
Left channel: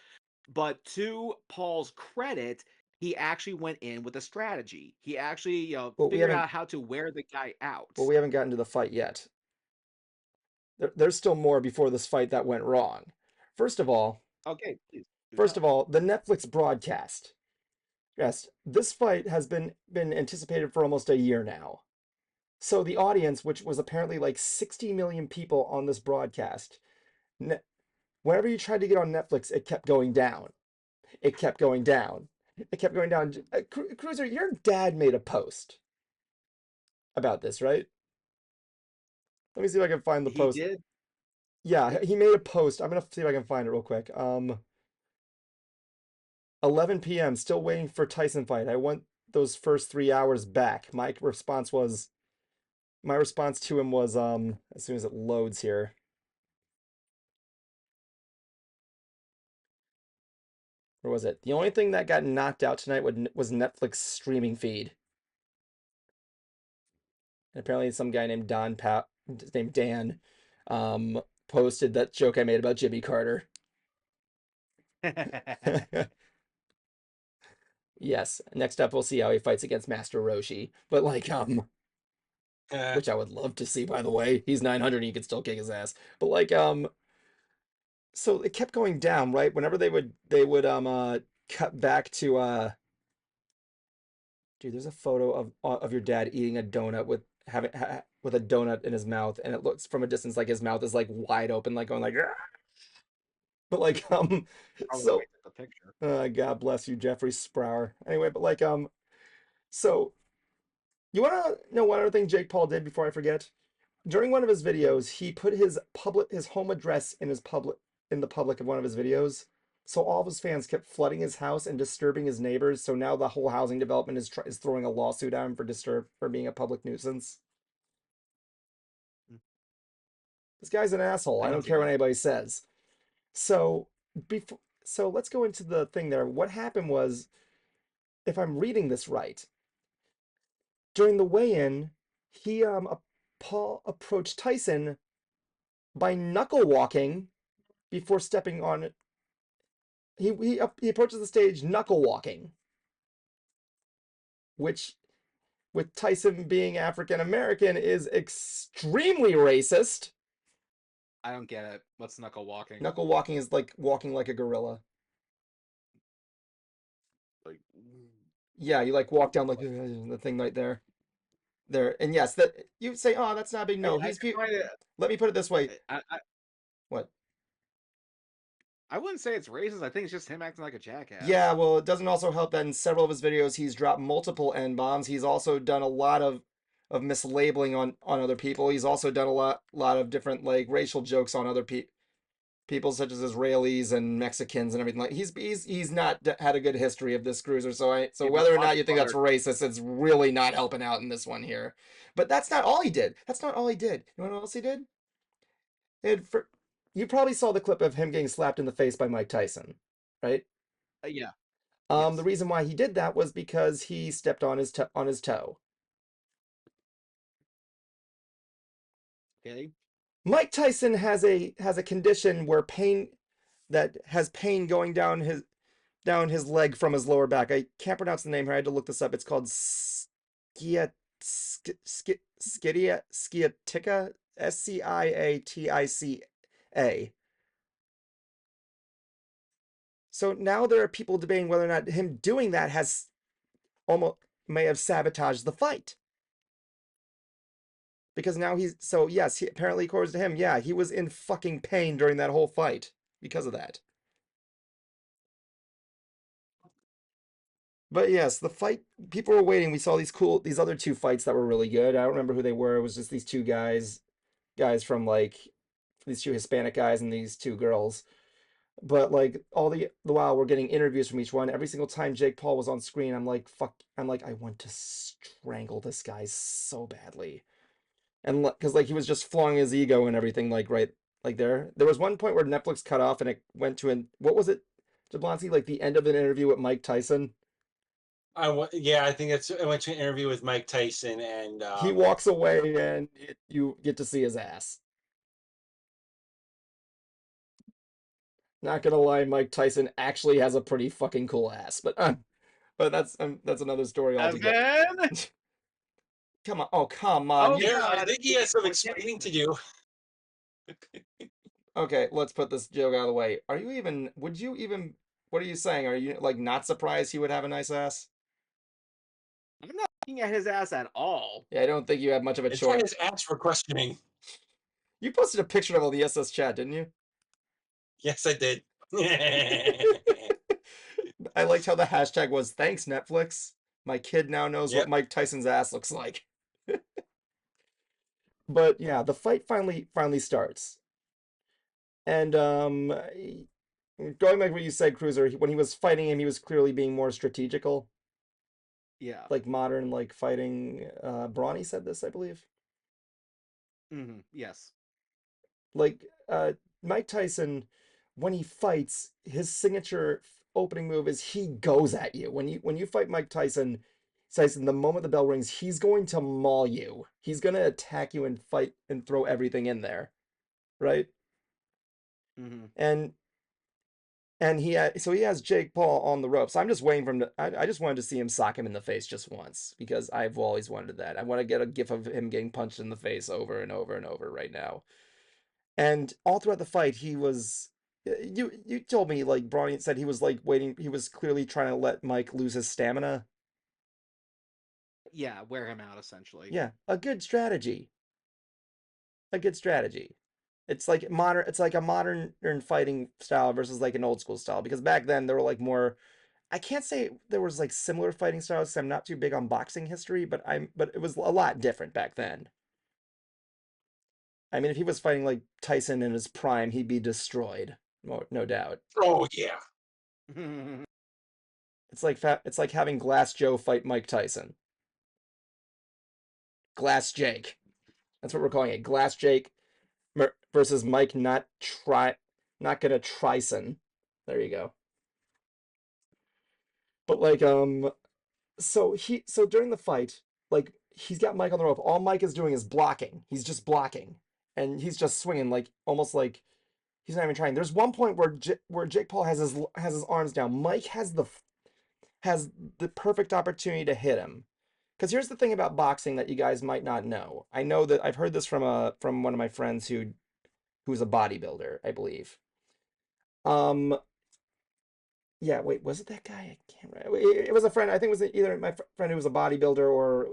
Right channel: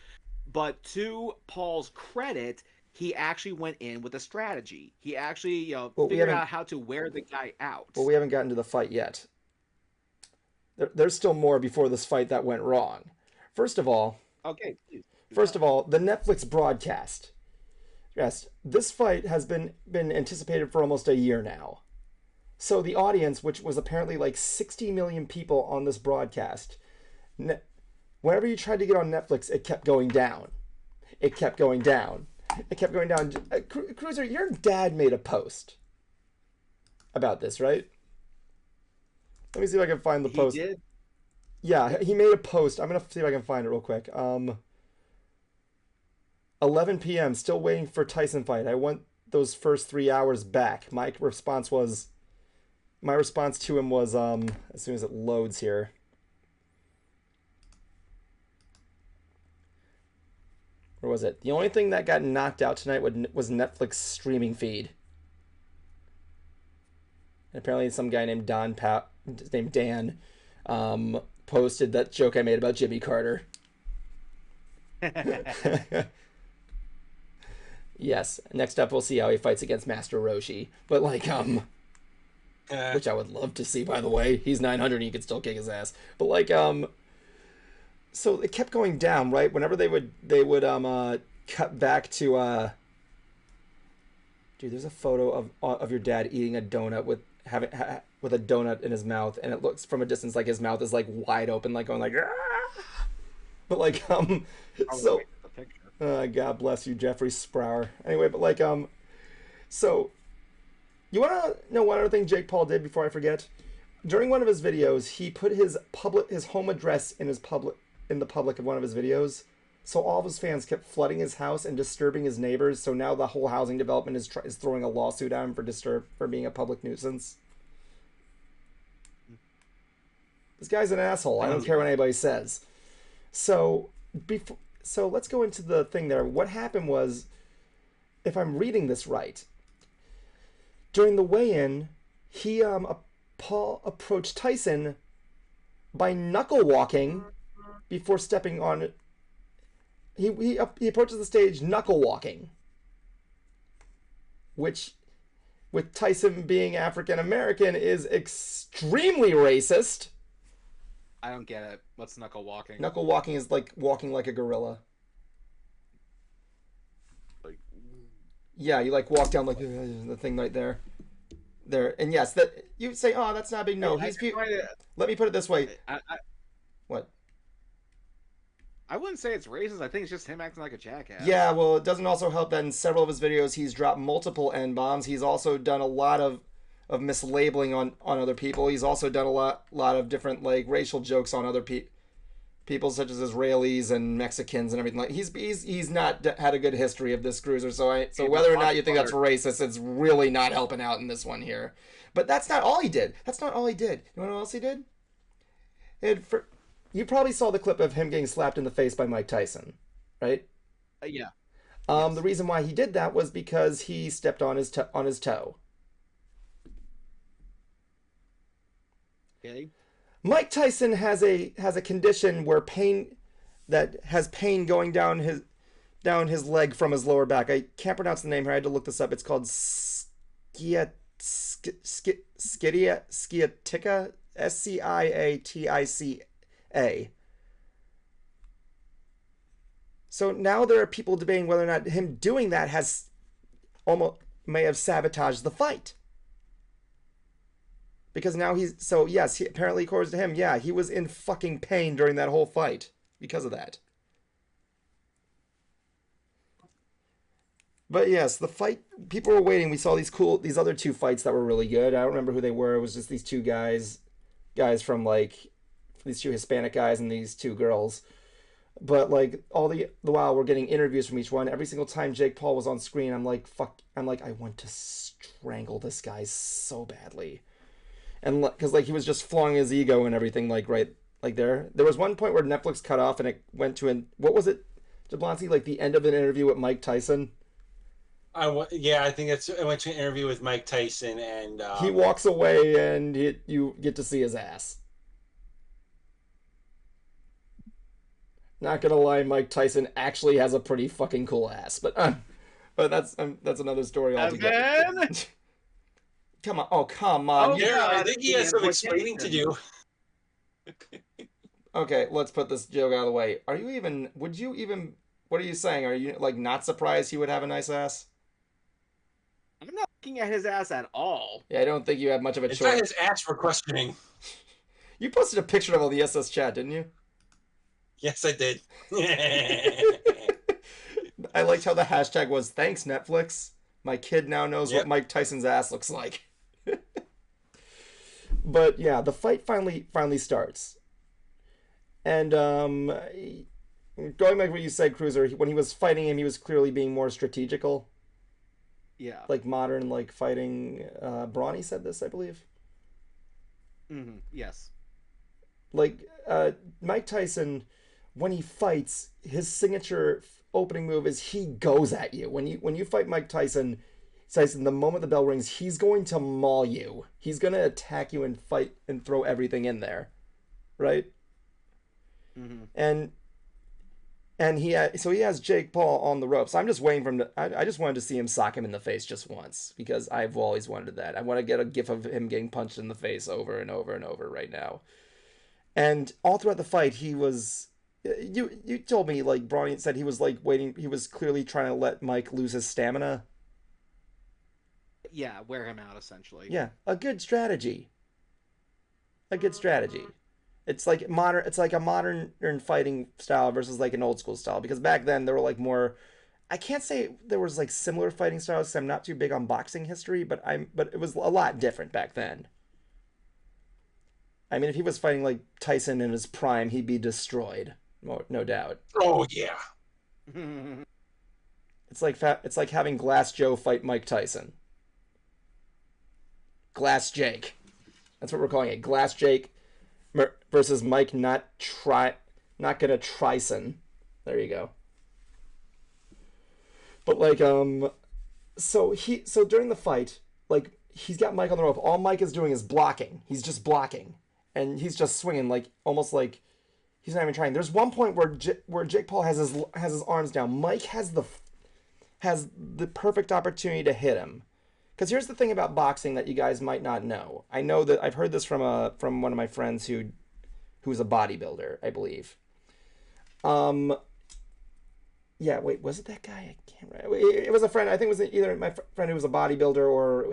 But to Paul's credit, he actually went in with a strategy. He actually figured out how to wear the guy out. Well, we haven't gotten to the fight yet. There's still more before this fight that went wrong. First of all, okay. Please. First of all, the Netflix broadcast. Yes, this fight has been anticipated for almost a year now. So the audience, which was apparently like 60 million people on this broadcast, whenever you tried to get on Netflix, it kept going down. It kept going down. It kept going down. Cruiser, your dad made a post about this, right? Let me see if I can find the post. He did? Yeah, he made a post. I'm going to see if I can find it real quick. 11 p.m. Still waiting for Tyson fight. I want those first 3 hours back. My response to him was, as soon as it loads here. Where was it? The only thing that got knocked out tonight was Netflix streaming feed. And apparently some guy named Dan posted that joke I made about Jimmy Carter. Yes. Next up, we'll see how he fights against Master Roshi. But like, which I would love to see, by the way. He's 900, he could still kick his ass. But like, so it kept going down, right? Whenever they would cut back to dude, there's a photo of your dad eating a donut with a donut in his mouth, and it looks from a distance like his mouth is like wide open, like going like. Aah! But like so. God bless you, Jeffrey Sprower. Anyway, but like so you want to know one other thing Jake Paul did before I forget? During one of his videos, he put his home address in the public of one of his videos. So all of his fans kept flooding his house and disturbing his neighbors. So now the whole housing development is throwing a lawsuit at him for being a public nuisance. This guy's an asshole. I don't care what anybody says. So let's go into the thing there. What happened was, if I'm reading this right, during the weigh-in, Paul approached Tyson by knuckle walking before stepping on. He approaches the stage knuckle walking, which, with Tyson being African American, is extremely racist. I don't get it. What's knuckle walking? Knuckle walking is like walking like a gorilla. Like, yeah, you like walk down like the thing right there. There, and yes, that you say, oh, that's not big. No, let me put it this way. What? I wouldn't say it's racist. I think it's just him acting like a jackass. Yeah, well, it doesn't also help that in several of his videos he's dropped multiple N-bombs. He's also done a lot of mislabeling on other people. He's also done a lot of different like racial jokes on other people such as Israelis and Mexicans and everything. Like he's not had a good history of this cruiser. So whether or not you think that's racist, it's really not helping out in this one here. But that's not all he did. That's not all he did. You know what else he did? You probably saw the clip of him getting slapped in the face by Mike Tyson, right? Yeah. Yes. The reason why he did that was because he stepped on his toe. Okay. Mike Tyson has a condition where pain going down his leg from his lower back. I can't pronounce the name here. I had to look this up. It's called sciatica, SCIATICA. So now there are people debating whether or not him doing that may have sabotaged the fight. Because now apparently according to him, yeah, he was in fucking pain during that whole fight because of that. But yes, the fight, people were waiting. We saw these other two fights that were really good. I don't remember who they were. It was just these two guys from like, these two Hispanic guys and these two girls. But like all the while we're getting interviews from each one. Every single time Jake Paul was on screen, I'm like, I want to strangle this guy so badly. And because like he was just flaunting his ego and everything, like right, like there was one point where Netflix cut off and it went to what was it, Jablonski? Like the end of an interview with Mike Tyson. I think it went to an interview with Mike Tyson, and he walks away and you get to see his ass. Not gonna lie, Mike Tyson actually has a pretty fucking cool ass, but that's another story altogether. Come on! Oh, yeah, I think he has some explaining to do. Okay, let's put this joke out of the way. What are you saying? Are you like not surprised he would have a nice ass? I'm not looking at his ass at all. Yeah, I don't think you had much of a choice. It's not his ass for questioning. You posted a picture of all the SS chat, didn't you? Yes, I did. I liked how the hashtag was "Thanks Netflix." My kid now knows what Mike Tyson's ass looks like. But yeah, the fight finally starts. And going back to what you said, Cruiser, when he was fighting him, he was clearly being more strategical. Yeah. Like modern, like fighting. Brony said this, I believe. Mm-hmm. Yes. Like Mike Tyson, when he fights, his signature opening move is he goes at you. When you fight Mike Tyson, the moment the bell rings, he's going to maul you. He's going to attack you and fight and throw everything in there, right? Mm-hmm. And he has Jake Paul on the ropes. I'm just waiting for him to. I just wanted to see him sock him in the face just once because I've always wanted that. I want to get a gif of him getting punched in the face over and over and over right now. And all throughout the fight, he was. You told me, like, Brony said he was like waiting. He was clearly trying to let Mike lose his stamina. Yeah, wear him out essentially. Yeah, a good strategy. A good strategy. It's like modern. It's like a modern fighting style versus like an old school style. Because back then there were like more. I can't say there was like similar fighting styles. 'Cause I'm not too big on boxing history, but it was a lot different back then. I mean, if he was fighting like Tyson in his prime, he'd be destroyed, no doubt. Oh yeah. It's like having Glass Joe fight Mike Tyson. Glass Jake. That's what we're calling it. Glass Jake versus Mike not gonna TRYSON. There you go. But like so during the fight, like he's got Mike on the rope. All Mike is doing is blocking. He's just blocking. And he's just swinging like almost like he's not even trying. There's one point where Jake Paul has his arms down. Mike has the perfect opportunity to hit him. Because here's the thing about boxing that you guys might not know. I know that I've heard this from one of my friends who's a bodybuilder, I believe. Yeah, wait, was it that guy? I can't remember. It was a friend. I think it was either my friend who was a bodybuilder or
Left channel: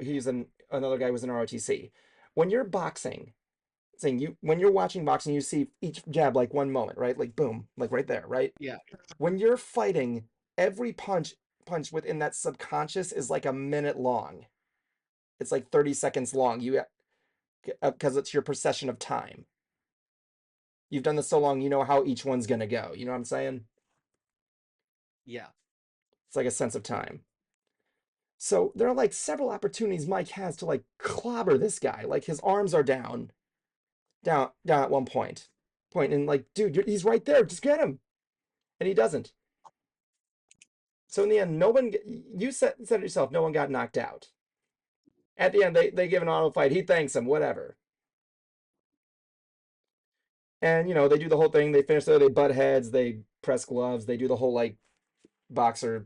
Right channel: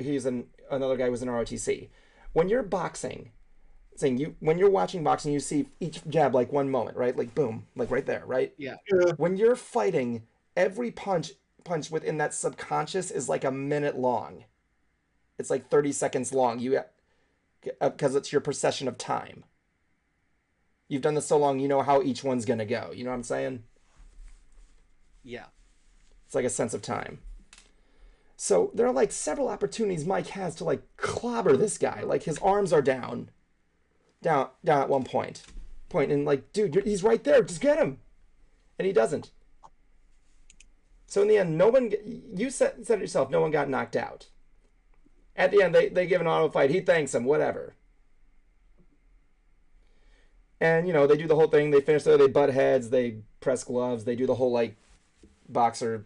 another guy who was in ROTC. When you're boxing, saying when you're watching boxing, you see each jab like one moment, right? Like boom, like right there, right? Yeah. When you're fighting, every punch within that subconscious is like a minute long. It's like 30 seconds long. You because it's your perception of time. You've done this so long, you know how each one's gonna go. You know what I'm saying? Yeah. It's like a sense of time. So there are like several opportunities Mike has to like clobber this guy. Like his arms are down at one point, and like, dude, he's right there. Just get him, and he doesn't. So in the end, no one. You said it yourself. No one got knocked out. At the end, they give an auto fight. He thanks him. Whatever. And you know they do the whole thing. They finish there. They butt heads. They press gloves. They do the whole like boxer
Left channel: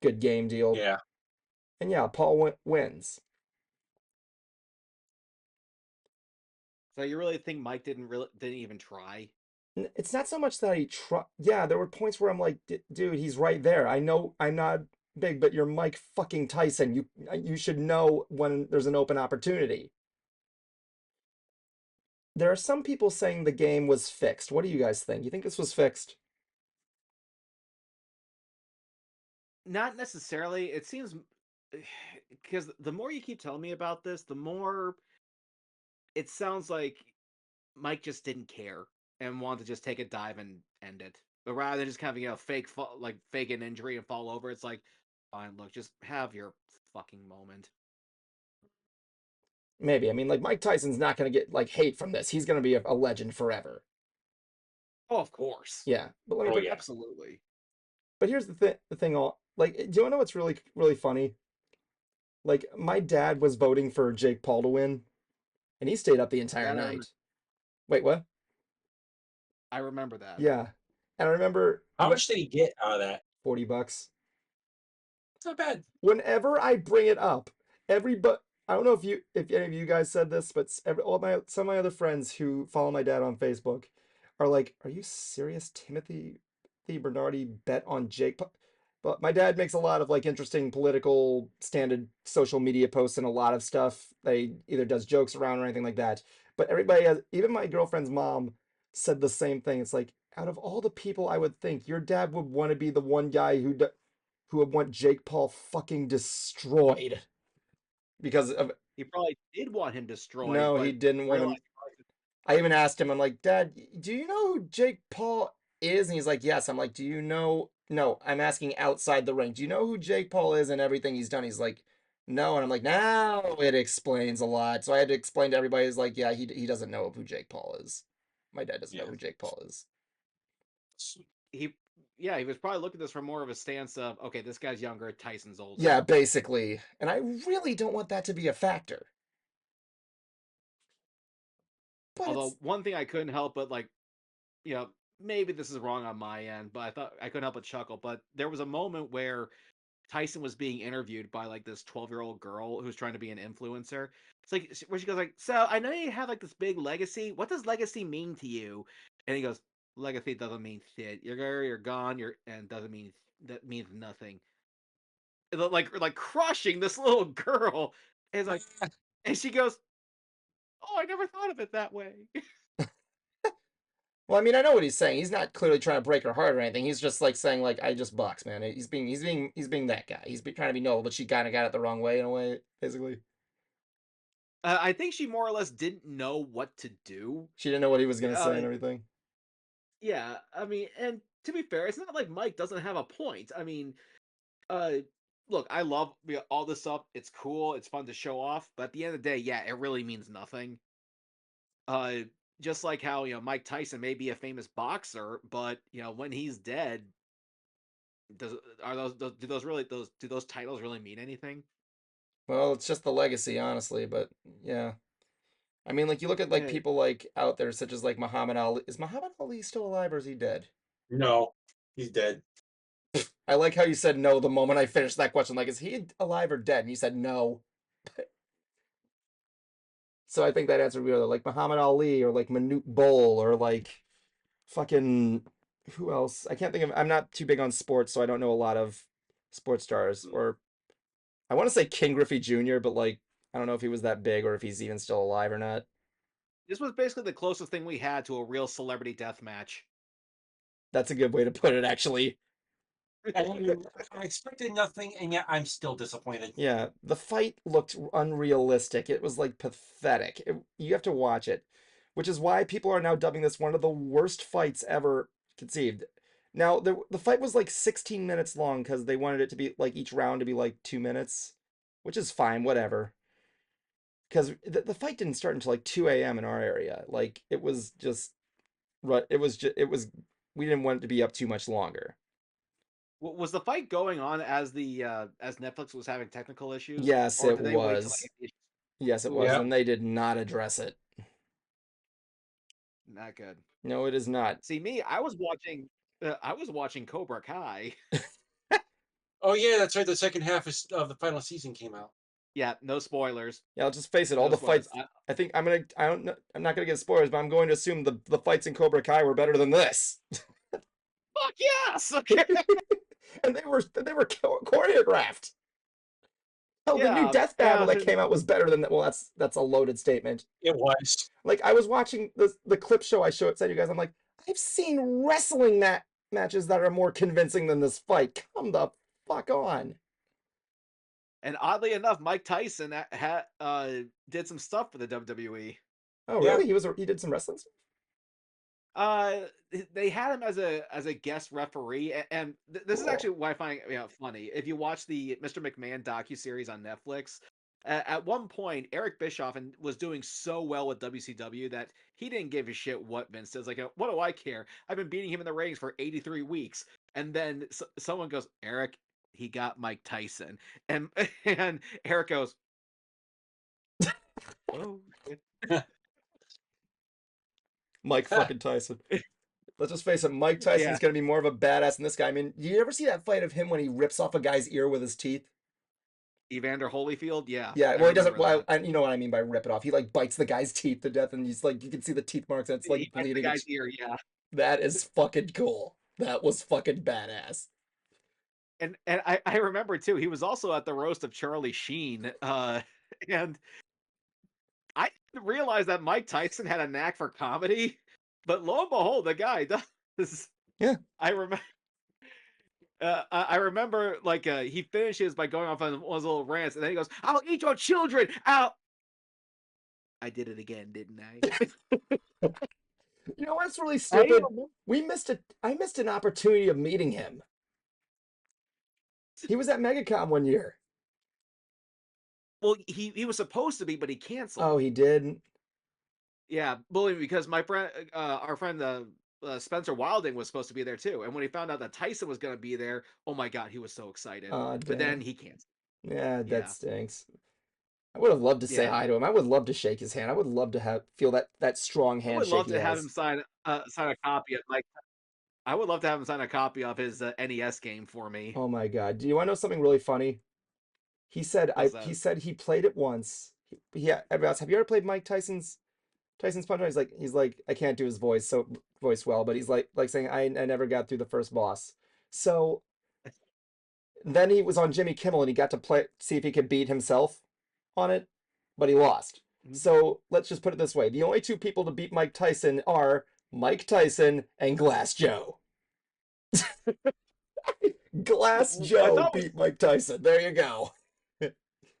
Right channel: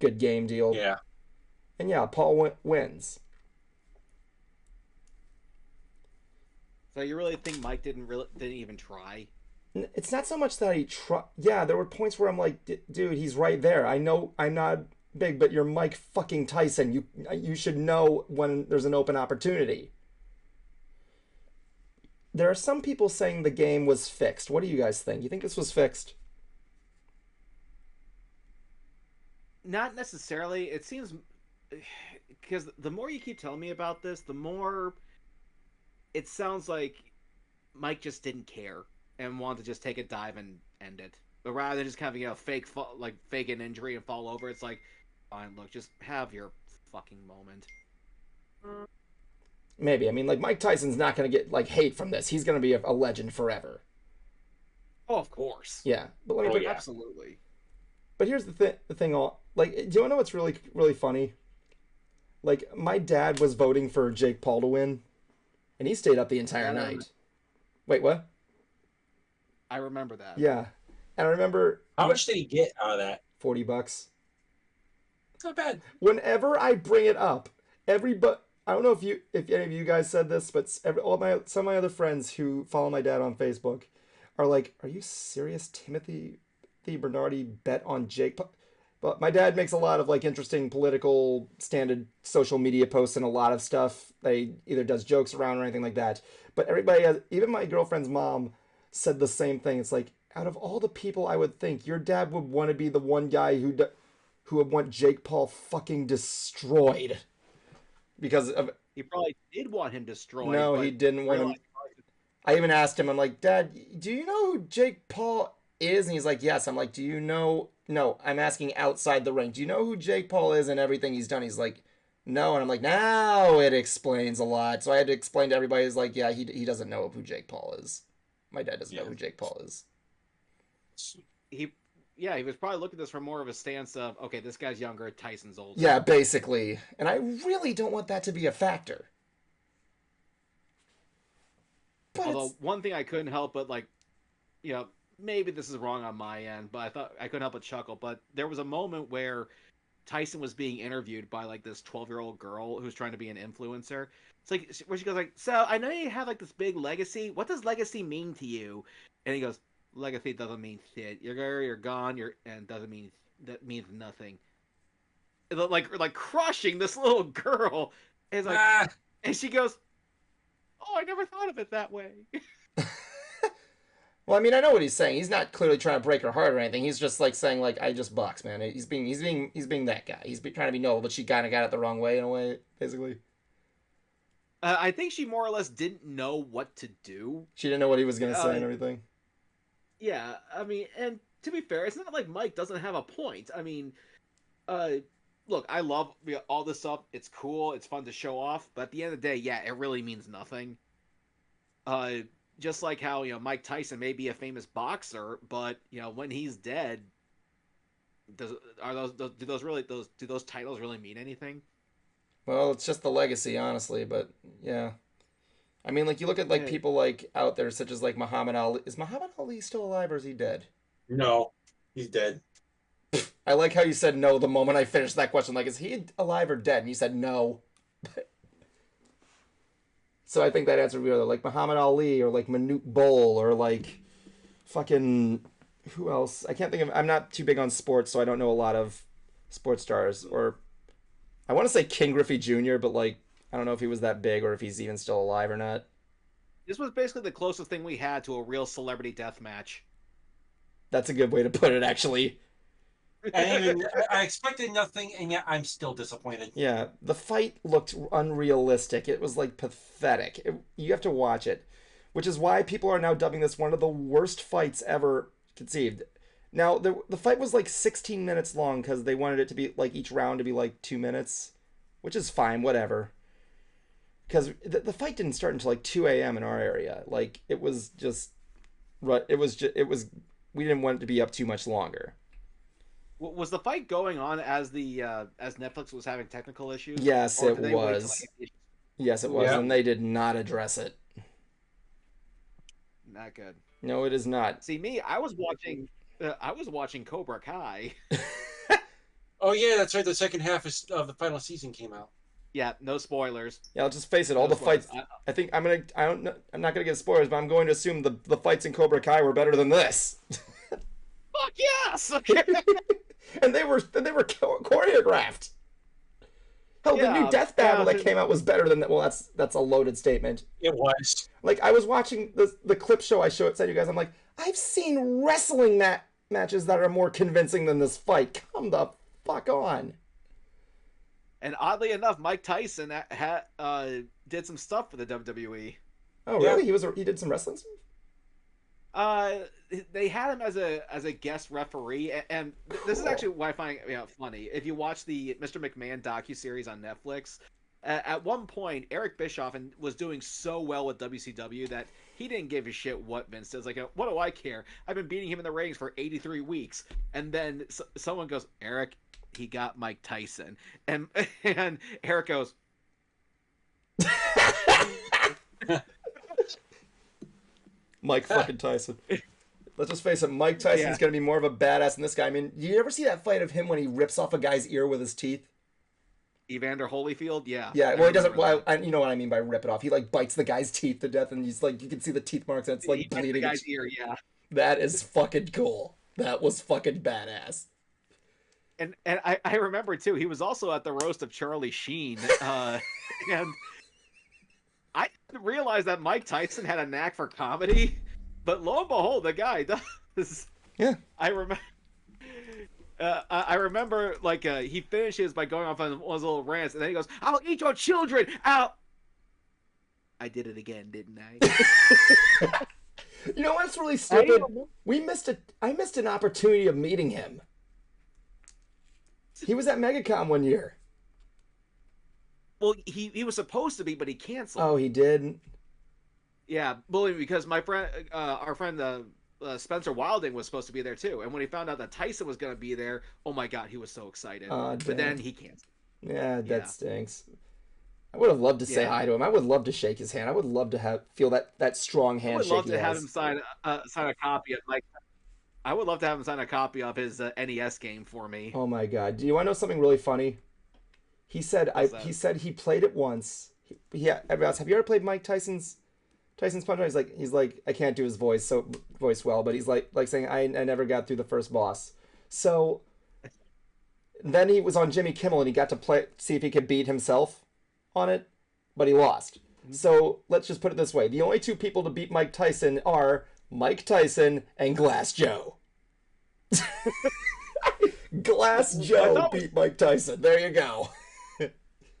good game deal. Yeah. And yeah, Paul wins. So you really think Mike didn't even try? It's not so much that he tried. Yeah, there were points where I'm like, dude, he's right there. I know I'm not big, but you're Mike fucking Tyson. You should know when there's an open opportunity. There are some people saying the game was fixed. What do you guys think? You think this was fixed? Not necessarily. It seems because the more you keep telling me about this, the more it sounds like Mike just didn't care and wanted to just take a dive and end it. But rather than just kind of fake an injury and fall over, it's like, fine, look, just have your fucking moment. Maybe. I mean, like Mike Tyson's not gonna get like hate from this. He's gonna be a legend forever. Oh, of course. Yeah, but let me Oh, yeah. Absolutely. But here's the thing. Like, do you know what's really really funny? Like, my dad was voting for Jake Paul to win, and he stayed up the entire night. Wait, what? I remember that. Yeah, and I remember. How much did he get out of that? $40. It's not bad. Whenever I bring it up, I don't know if any of you guys said this, but some of my other friends who follow my dad on Facebook are like, "Are you serious, Timothy? The Bernardi bet on Jake?" But my dad makes a lot of like interesting political standard social media posts and a lot of stuff that he either does jokes around or anything like that. But everybody has, even my girlfriend's mom said the same thing. It's like, out of all the people I would think, your dad would want to be the one guy who would want Jake Paul fucking destroyed. Because of he probably did want him destroyed. No, he didn't want him. I even asked him, I'm like, Dad, do you know who Jake Paul is? And he's like, yes. I'm like, do you know? No, I'm asking outside the ring. Do you know who Jake Paul is and everything he's done? He's like, no. And I'm like, now it explains a lot. So I had to explain to everybody. He's like, yeah, he doesn't know who Jake Paul is. My dad doesn't know who Jake Paul is. He was probably looking at this from more of a stance of, okay, this guy's younger, Tyson's older. Yeah, basically. And I really don't want that to be a factor. But although one thing I couldn't help but maybe this is wrong on my end, but I thought I couldn't help but chuckle. But there was a moment where Tyson was being interviewed by like this 12-year-old girl who's trying to be an influencer. It's like where she goes like, "So I know you have like this big legacy. What does legacy mean to you?" And he goes, "Legacy doesn't mean shit. You're gone. And that means nothing." And like crushing this little girl. And it's like, and she goes, "Oh, I never thought of it that way." Well, I mean, I know what he's saying. He's not clearly trying to break her heart or anything. He's just like saying, like, I just box, man. He's being that guy. He's trying to be noble, but she kind of got it the wrong way in a way, basically. I think she more or less didn't know what to do. She didn't know what he was gonna say and everything. Yeah, I mean, and to be fair, it's not like Mike doesn't have a point. I mean, look, I love all this stuff. It's cool. It's fun to show off. But at the end of the day, yeah, it really means nothing. Just like how Mike Tyson may be a famous boxer, but when he's dead, do those titles really mean anything? Well, it's just the legacy, honestly. But yeah, I mean, like you look at like people like out there such as like Muhammad Ali. Is Muhammad Ali still alive or is he dead? No, he's dead. I like how you said no the moment I finished that question. Like, is he alive or dead? And you said no. So I think that answer would be like Muhammad Ali or like Manute Bol or like fucking who else? I can't think of. I'm not too big on sports, so I don't know a lot of sports stars. Or I want to say King Griffey Jr., but like I don't know if he was that big or if he's even still alive or not. This was basically the closest thing we had to a real celebrity death match. That's a good way to put it, actually. I expected nothing, and yet I'm still disappointed. Yeah, the fight looked unrealistic. It was like pathetic. You have to watch it, which is why people are now dubbing this one of the worst fights ever conceived. Now, the fight was like 16 minutes long because they wanted it to be like each round to be like 2 minutes, which is fine, whatever. Because the fight didn't start until like 2 a.m. in our area. Like it was just, we didn't want it to be up too much longer. Was the fight going on as as Netflix was having technical issues? Yes, Or it did they wait was. till Yes, it was, Yeah. and they did not address it. Not good. No, it is not. See me, I was watching Cobra Kai. Oh yeah, that's right. The second half of the final season came out. Yeah, no spoilers. Yeah, I'll just face it. All the fights. I think I'm gonna. I'm not gonna get spoilers, but I'm going to assume the fights in Cobra Kai were better than this. Fuck yes. And they were choreographed. Hell, the new Death Battle that came out was better than that. Well, that's a loaded statement. It was. Like I was watching the clip show I said you guys. I'm like, I've seen wrestling matches that are more convincing than this fight. Come the fuck on. And oddly enough, Mike Tyson did some stuff for the WWE. Oh really? He did some wrestling stuff? They had him as a guest referee, and this is actually what I find funny. If you watch the Mr. McMahon docuseries on Netflix, at one point Eric Bischoff was doing so well with WCW that he didn't give a shit what Vince does. Like, what do I care? I've been beating him in the rings for 83 weeks, and then someone goes, Eric, he got Mike Tyson, and Eric goes. Mike fucking Tyson. Let's just face it, Mike Tyson's gonna be more of a badass than this guy. I mean, you ever see that fight of him when he rips off a guy's ear with his teeth? Evander Holyfield, yeah. Yeah, well, he doesn't. Well, you know what I mean by rip it off. He like bites the guy's teeth to death, and he's like, you can see the teeth marks. That's like bleeding. The guy's ear, yeah. That is fucking cool. That was fucking badass. And I remember too, he was also at the roast of Charlie Sheen, and I didn't realize that Mike Tyson had a knack for comedy, but lo and behold, the guy does. Yeah. I remember, like, he finishes by going off on one of his little rants, and then he goes, "I'll eat your children out." I did it again, didn't I? You know what's really stupid? I missed an opportunity of meeting him. He was at MegaCon one year. Well, he was supposed to be, but he canceled. Oh, he did? Yeah, well, because my friend, our friend, Spencer Wilding was supposed to be there too, and when he found out that Tyson was going to be there, oh my god, he was so excited. But then he canceled. Yeah, that stinks. I would have loved to say hi to him. I would love to shake his hand. I would love to feel that strong handshake. I would love to have him sign a copy of I would love to have him sign a copy of his NES game for me. Oh my god! Do you want to know something really funny? He said he played it once. Everybody else, have you ever played Mike Tyson's Punch? He's like I can't do his voice well, but he's like saying I never got through the first boss. So then he was on Jimmy Kimmel and he got to see if he could beat himself on it, but he lost. So let's just put it this way: the only two people to beat Mike Tyson are Mike Tyson and Glass Joe. Glass Joe beat Mike Tyson. There you go.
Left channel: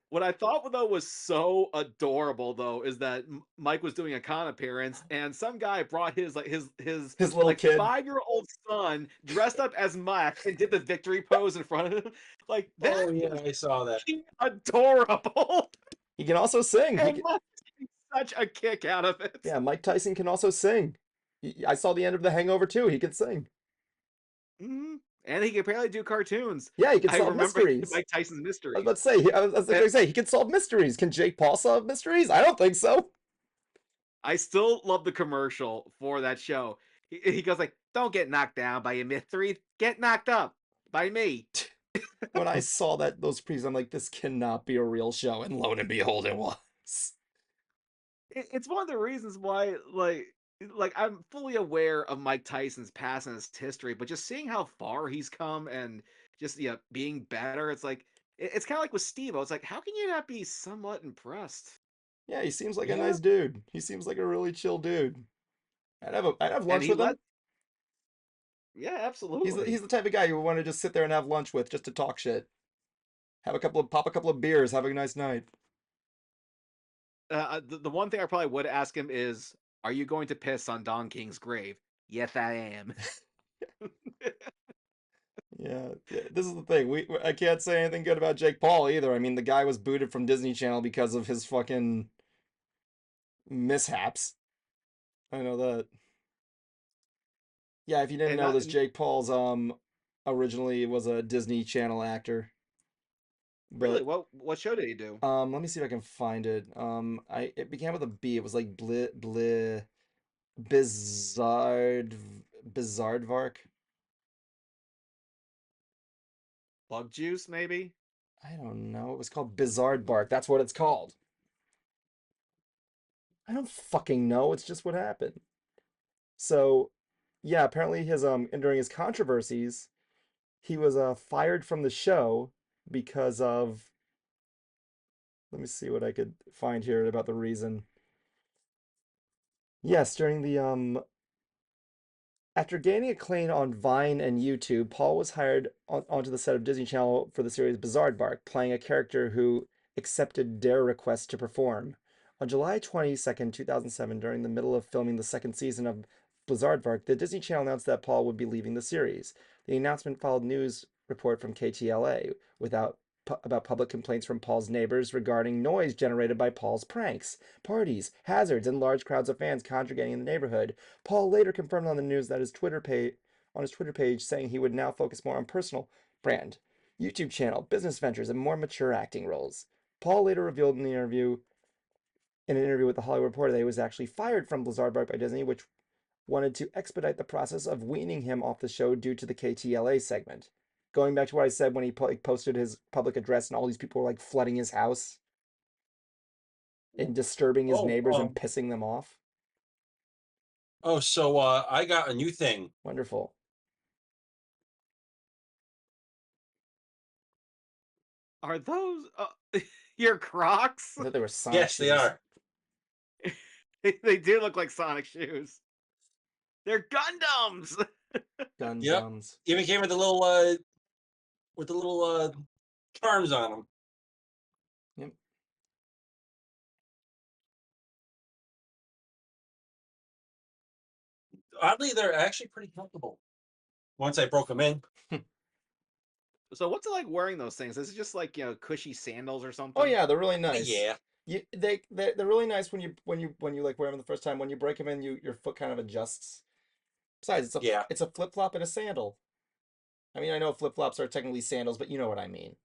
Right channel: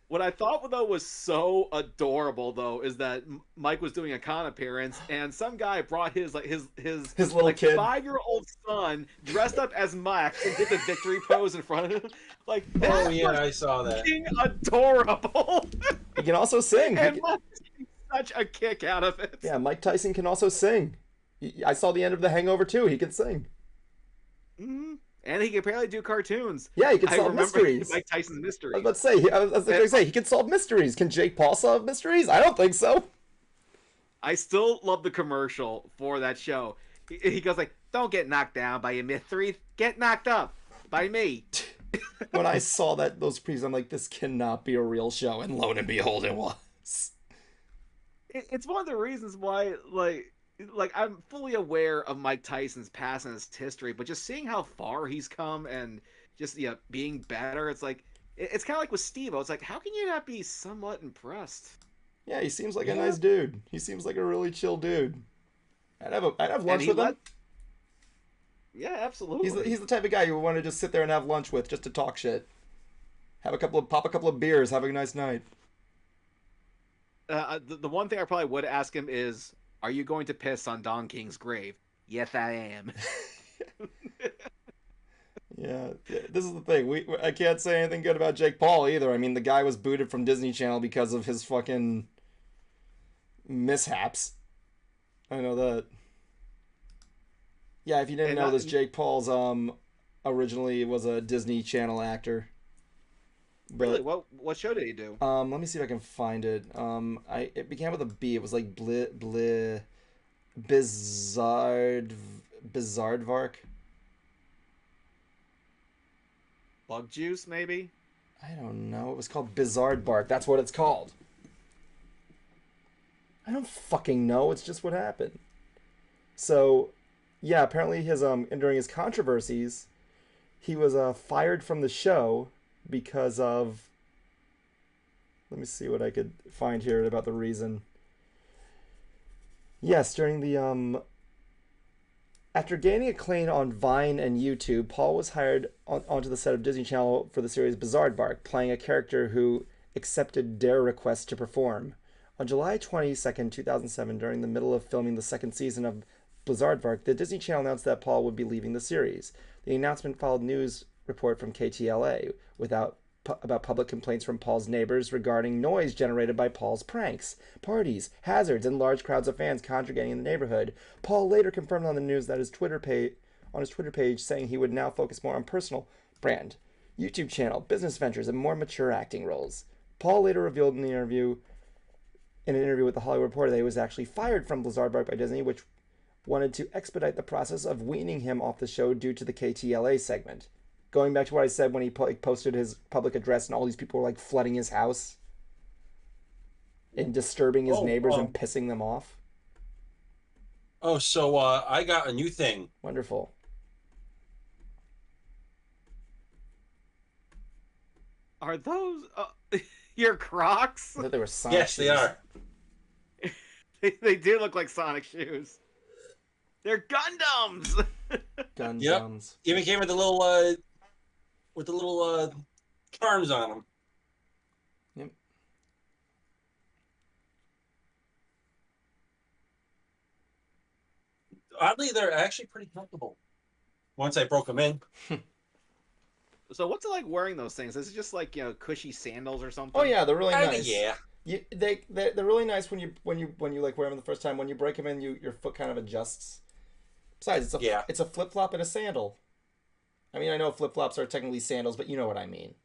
What I thought though was so adorable though is that Mike was doing a con appearance and some guy brought his little like kid 5-year-old son dressed up as Mike and did the victory pose in front of him. Like, oh yeah, I saw that. Adorable. He can also sing. And Mike's getting such a kick out of it. Yeah, Mike Tyson can also sing. I saw the end of The Hangover too. He could sing. Mm-hmm. And he can apparently do cartoons. Yeah, he can solve mysteries. Mike Tyson's mysteries. I was about to say, he can solve mysteries. Can Jake Paul solve mysteries? I don't think so. I still love the commercial for that show. He goes like, "Don't get knocked down by your mysteries. Get knocked up by me." When I saw those previews, I'm like, this cannot be a real show. And lo and behold, it was. It's one of the reasons why, like I'm fully aware of Mike Tyson's past and his history, but just seeing how far he's come and just being better, it's like it's kind of like with Steve. I was like, how can you not be somewhat impressed? Yeah, he seems like a Yeah. nice dude. He seems like a really chill dude. I'd have lunch with him. Yeah, absolutely. He's the type of guy you would want to just sit there and have lunch with, just to talk shit. Pop a couple of beers, have a nice night. The one thing I probably would ask him is, are you going to piss on Don King's grave? Yes, I am. Yeah, this is the thing. I can't say anything good about Jake Paul either. I mean, the guy was booted from Disney Channel because of his fucking mishaps. I know that. Yeah, if you didn't And know not, this, Jake Paul's originally was a Disney Channel actor. really, But what show did he do? let me see if I can find it. It began with a B. It was like Bizarre Bizarrevark. Bug Juice, maybe? I don't know. It was called Bizarre Bark. That's what it's called. I don't fucking know. It's just what happened. So, yeah, apparently his and during his controversies, he was fired from the show because of. Let me see what I could find here about the reason. Yes, during the after gaining acclaim on Vine and YouTube, Paul was hired onto the set of Disney Channel for the series Bizarre Bark, playing a character who accepted dare requests to perform. On July 22nd, 2007, during the middle of filming the second season of Blizzard Bark, the Disney Channel announced that Paul would be leaving the series. The announcement followed news report from KTLA about public complaints from Paul's neighbors regarding noise generated by Paul's pranks, parties, hazards, and large crowds of fans congregating in the neighborhood. Paul later confirmed on the news that his Twitter page, saying he would now focus more on personal brand, YouTube channel, business ventures, and more mature acting roles. Paul later revealed in an interview with the Hollywood Reporter that he was actually fired from Blizzard by Disney, which wanted to expedite the process of weaning him off the show due to the KTLA segment. Going back to what I said when he posted his public address and all these people were like flooding his house and disturbing his neighbors and pissing them off. Oh, so I got a new thing. Wonderful. Are those your Crocs? I thought they were Sonic Yes, shoes. they are. They do look like Sonic shoes. They're Gundams. Gundams. Yep. Even came with the little charms on them. Yep. Oddly, they're actually pretty comfortable. Once I broke them in. So what's it like wearing those things? Is it just like, cushy sandals or something? Oh yeah, they're really nice. Yeah. They're really nice when you like wear them the first time. When you break them in, your foot kind of adjusts. Besides, it's a flip flop and a sandal. I mean, I know flip flops are technically sandals, but you know what I mean.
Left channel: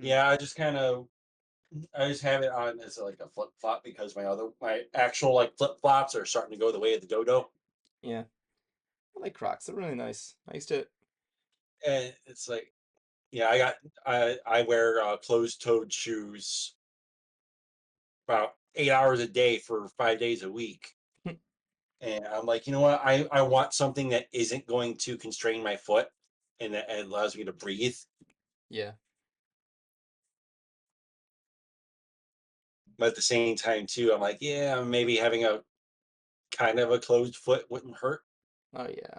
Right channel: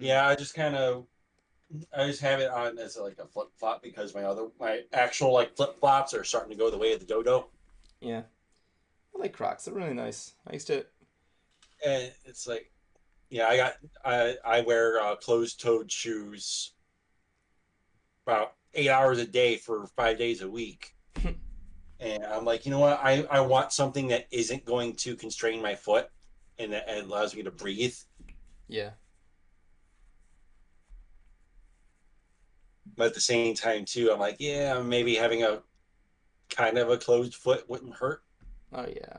Yeah, I just have it on as like a flip flop because my actual like flip flops are starting to go the way of the dodo. Yeah, I like Crocs. They're really nice. I used to. And it's like, yeah, I wear closed-toed shoes about 8 hours a day for 5 days a week. And I'm like, you know what? I want something that isn't going to constrain my foot and that allows me to breathe. Yeah. But at the same time, too, I'm like, yeah, maybe having a kind of a closed foot wouldn't hurt. Oh, yeah.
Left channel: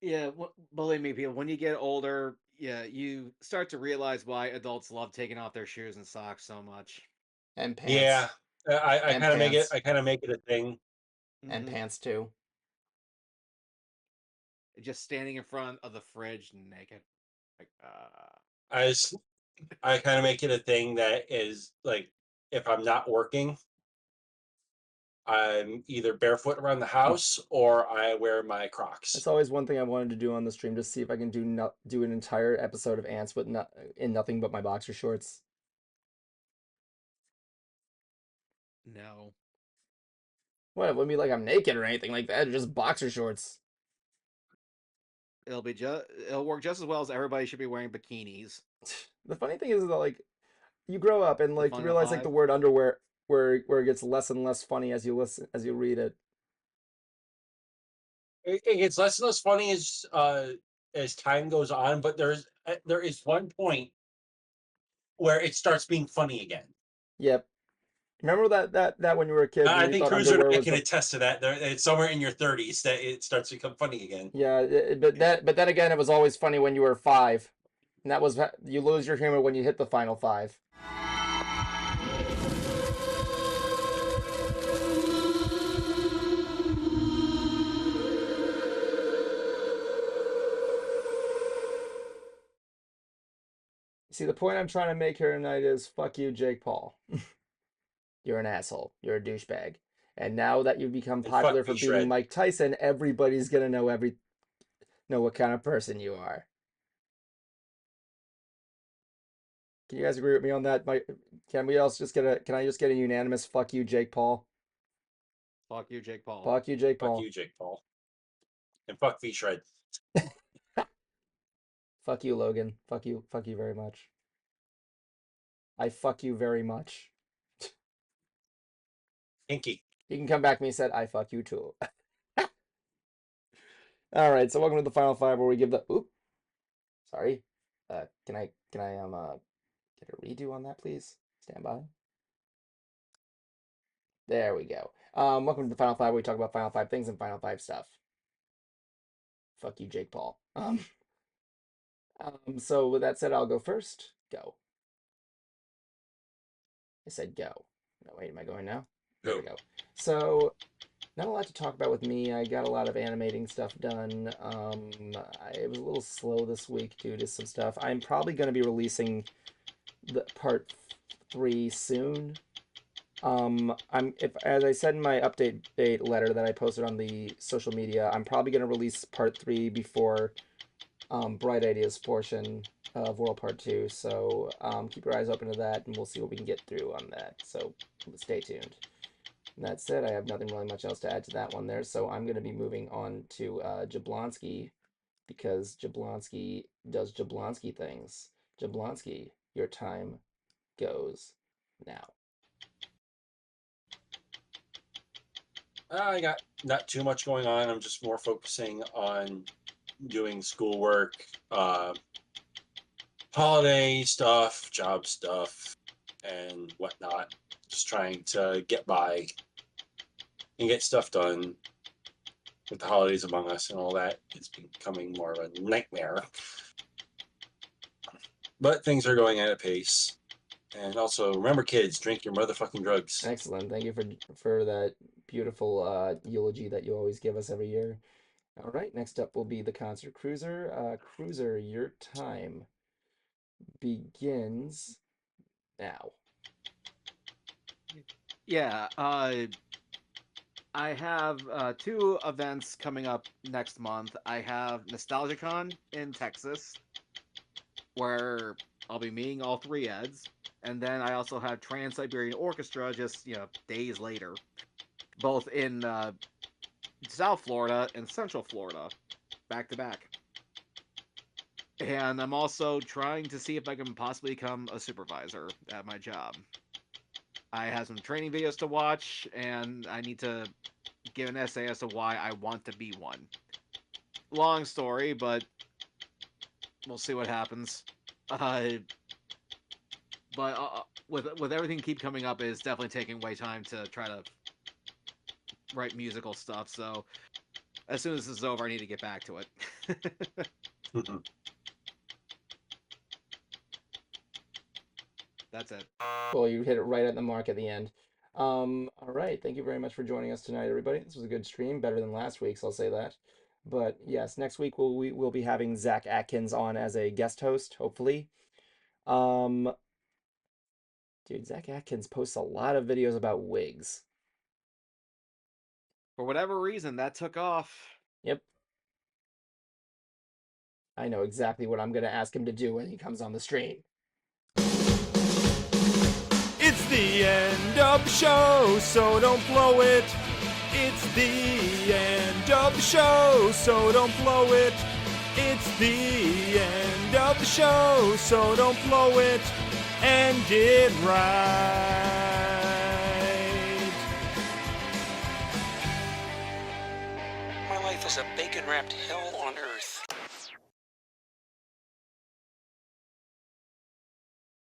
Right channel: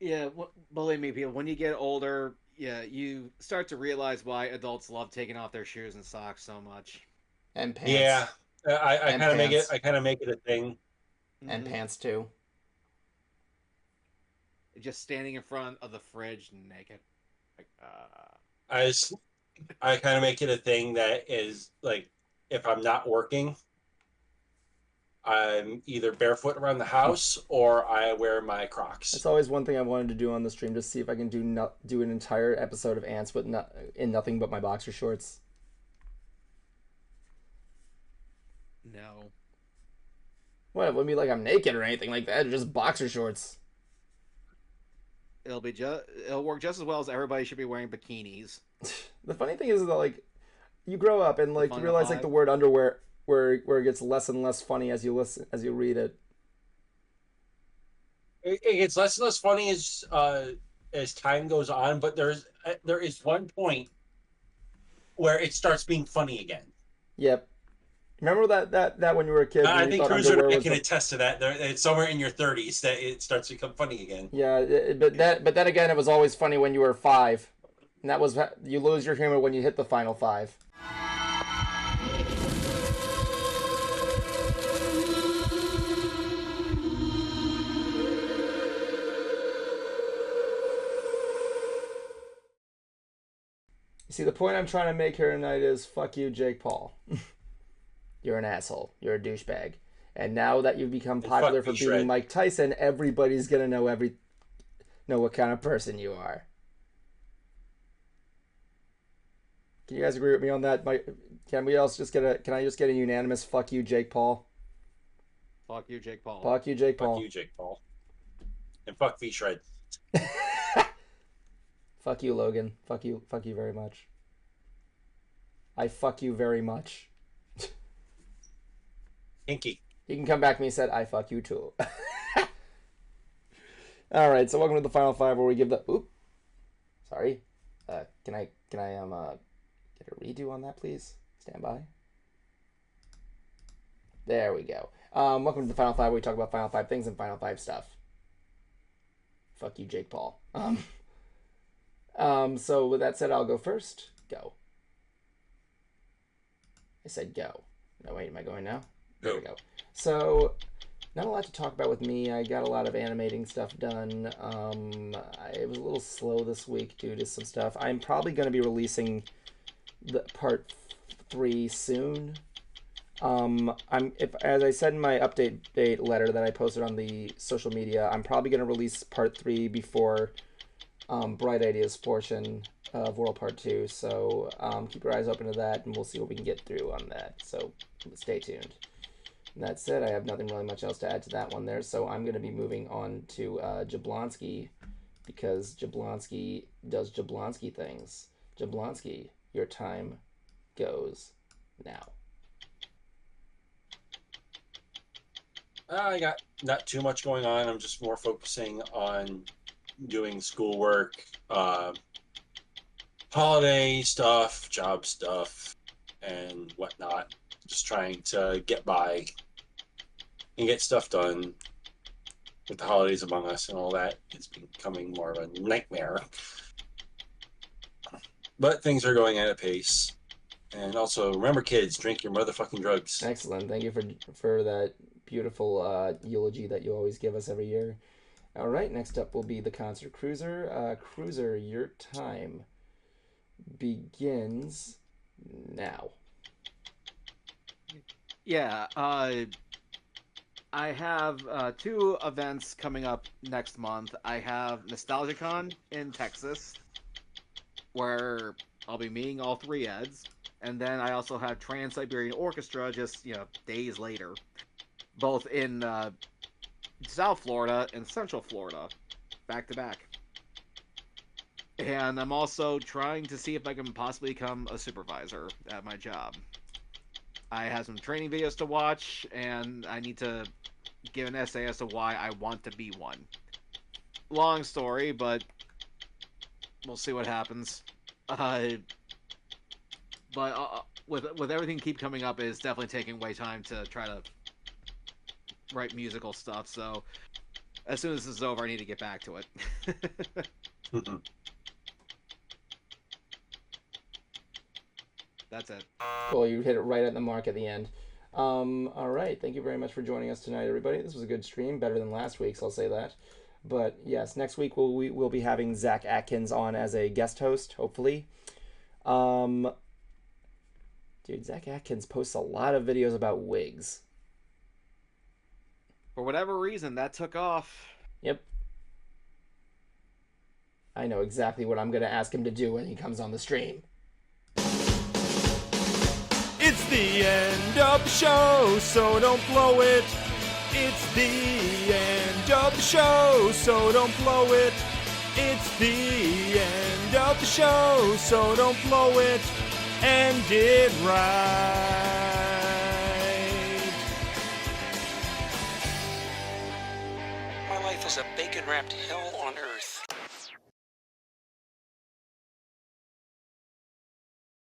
Yeah, believe me, people, when you get older, you start to realize why adults love taking off their shoes and socks so much. And pants. Yeah. I kind of make it a thing. And pants too. Just standing in front of the fridge naked. Like, I kind of make it a thing that is like, if I'm not working, I'm either barefoot around the house or I wear my Crocs. That's always one thing I wanted to do on the stream, just see if I can do an entire episode of Ants, but in nothing but my boxer shorts. no. Well, it wouldn't be like I'm naked or anything like that. Just boxer shorts. It'll work just as well as everybody should be wearing bikinis. The funny thing is that like you grow up and like you realize like the 5. word underwear where it gets less and less funny as you read it. It gets less and less funny as time goes on, but there is one point where it starts being funny again. Yep. Remember that when you were a kid? I you think thought Cruiser underwear was can attest to that. It's somewhere in your 30s that it starts to become funny again. Yeah, but then again, it was always funny when you were 5, and that was you lose your humor when you hit the final 5. See, the point I'm trying to make here tonight is fuck you, Jake Paul. You're an asshole. You're a douchebag. And now that you've become popular for beating Mike Tyson, everybody's gonna know what kind of person you are. Can you guys agree with me on that? Can I just get a unanimous fuck you, Jake Paul? Fuck you, Jake Paul. Fuck you, Jake Paul. Fuck you, Jake Paul. And fuck V-Shred. Fuck you, Logan. Fuck you very much. I fuck you very much. Inky. He can come back to me and said, I fuck you too. Alright, so welcome to the Final 5 where we give the... Oop. Sorry. Can I get a redo on that, please? Stand by. There we go. Welcome to the Final 5 where we talk about Final 5 things and Final 5 stuff. Fuck you, Jake Paul. So with that said, I'll go first. Go. I said go. No, wait, am I going now? There we go. So, not a lot to talk about with me. I got a lot of animating stuff done. I was a little slow this week due to some stuff. I'm probably going to be releasing the part 3 soon. As I said in my update letter that I posted on the social media, I'm probably going to release part 3 before Bright Ideas portion of World Part 2. So keep your eyes open to that, and we'll see what we can get through on that. So stay tuned. And that said, I have nothing really much else to add to that one there, so I'm going to be moving on to Jablonski, because Jablonski does Jablonski things. Jablonski, your time goes now. I got not too much going on. I'm just more focusing on doing schoolwork, holiday stuff, job stuff, and whatnot. Just trying to get by and get stuff done with the holidays among us and all that. It's becoming more of a nightmare. But things are going at a pace. And also, remember kids, drink your motherfucking drugs. Excellent. Thank you for that beautiful eulogy that you always give us every year. All right, next up will be the Concert Cruiser. Cruiser, your time begins now. Yeah, I have 2 events coming up next month. I have NostalgiaCon in Texas, where I'll be meeting all 3 Eds. And then I also have Trans-Siberian Orchestra just, days later. Both in South Florida and Central Florida, back to back. And I'm also trying to see if I can possibly become a supervisor at my job. I have some training videos to watch, and I need to give an essay as to why I want to be one. Long story, but we'll see what happens. But with everything keep coming up, it's definitely taking way time to try to write musical stuff. So as soon as this is over, I need to get back to it. That's it. Well, you hit it right at the mark at the end. All right, thank you very much for joining us tonight, everybody. This was a good stream, better than last week's, I'll say that. But yes, next week we'll be having Zach Atkins on as a guest host, hopefully. Dude, Zach Atkins posts a lot of videos about wigs. For whatever reason, that took off. Yep. I know exactly what I'm going to ask him to do when he comes on the stream. It's the end of the show, so don't blow it. It's the end of the show, so don't blow it. It's the end of the show, so don't blow it. End it right. My life is a bacon-wrapped hell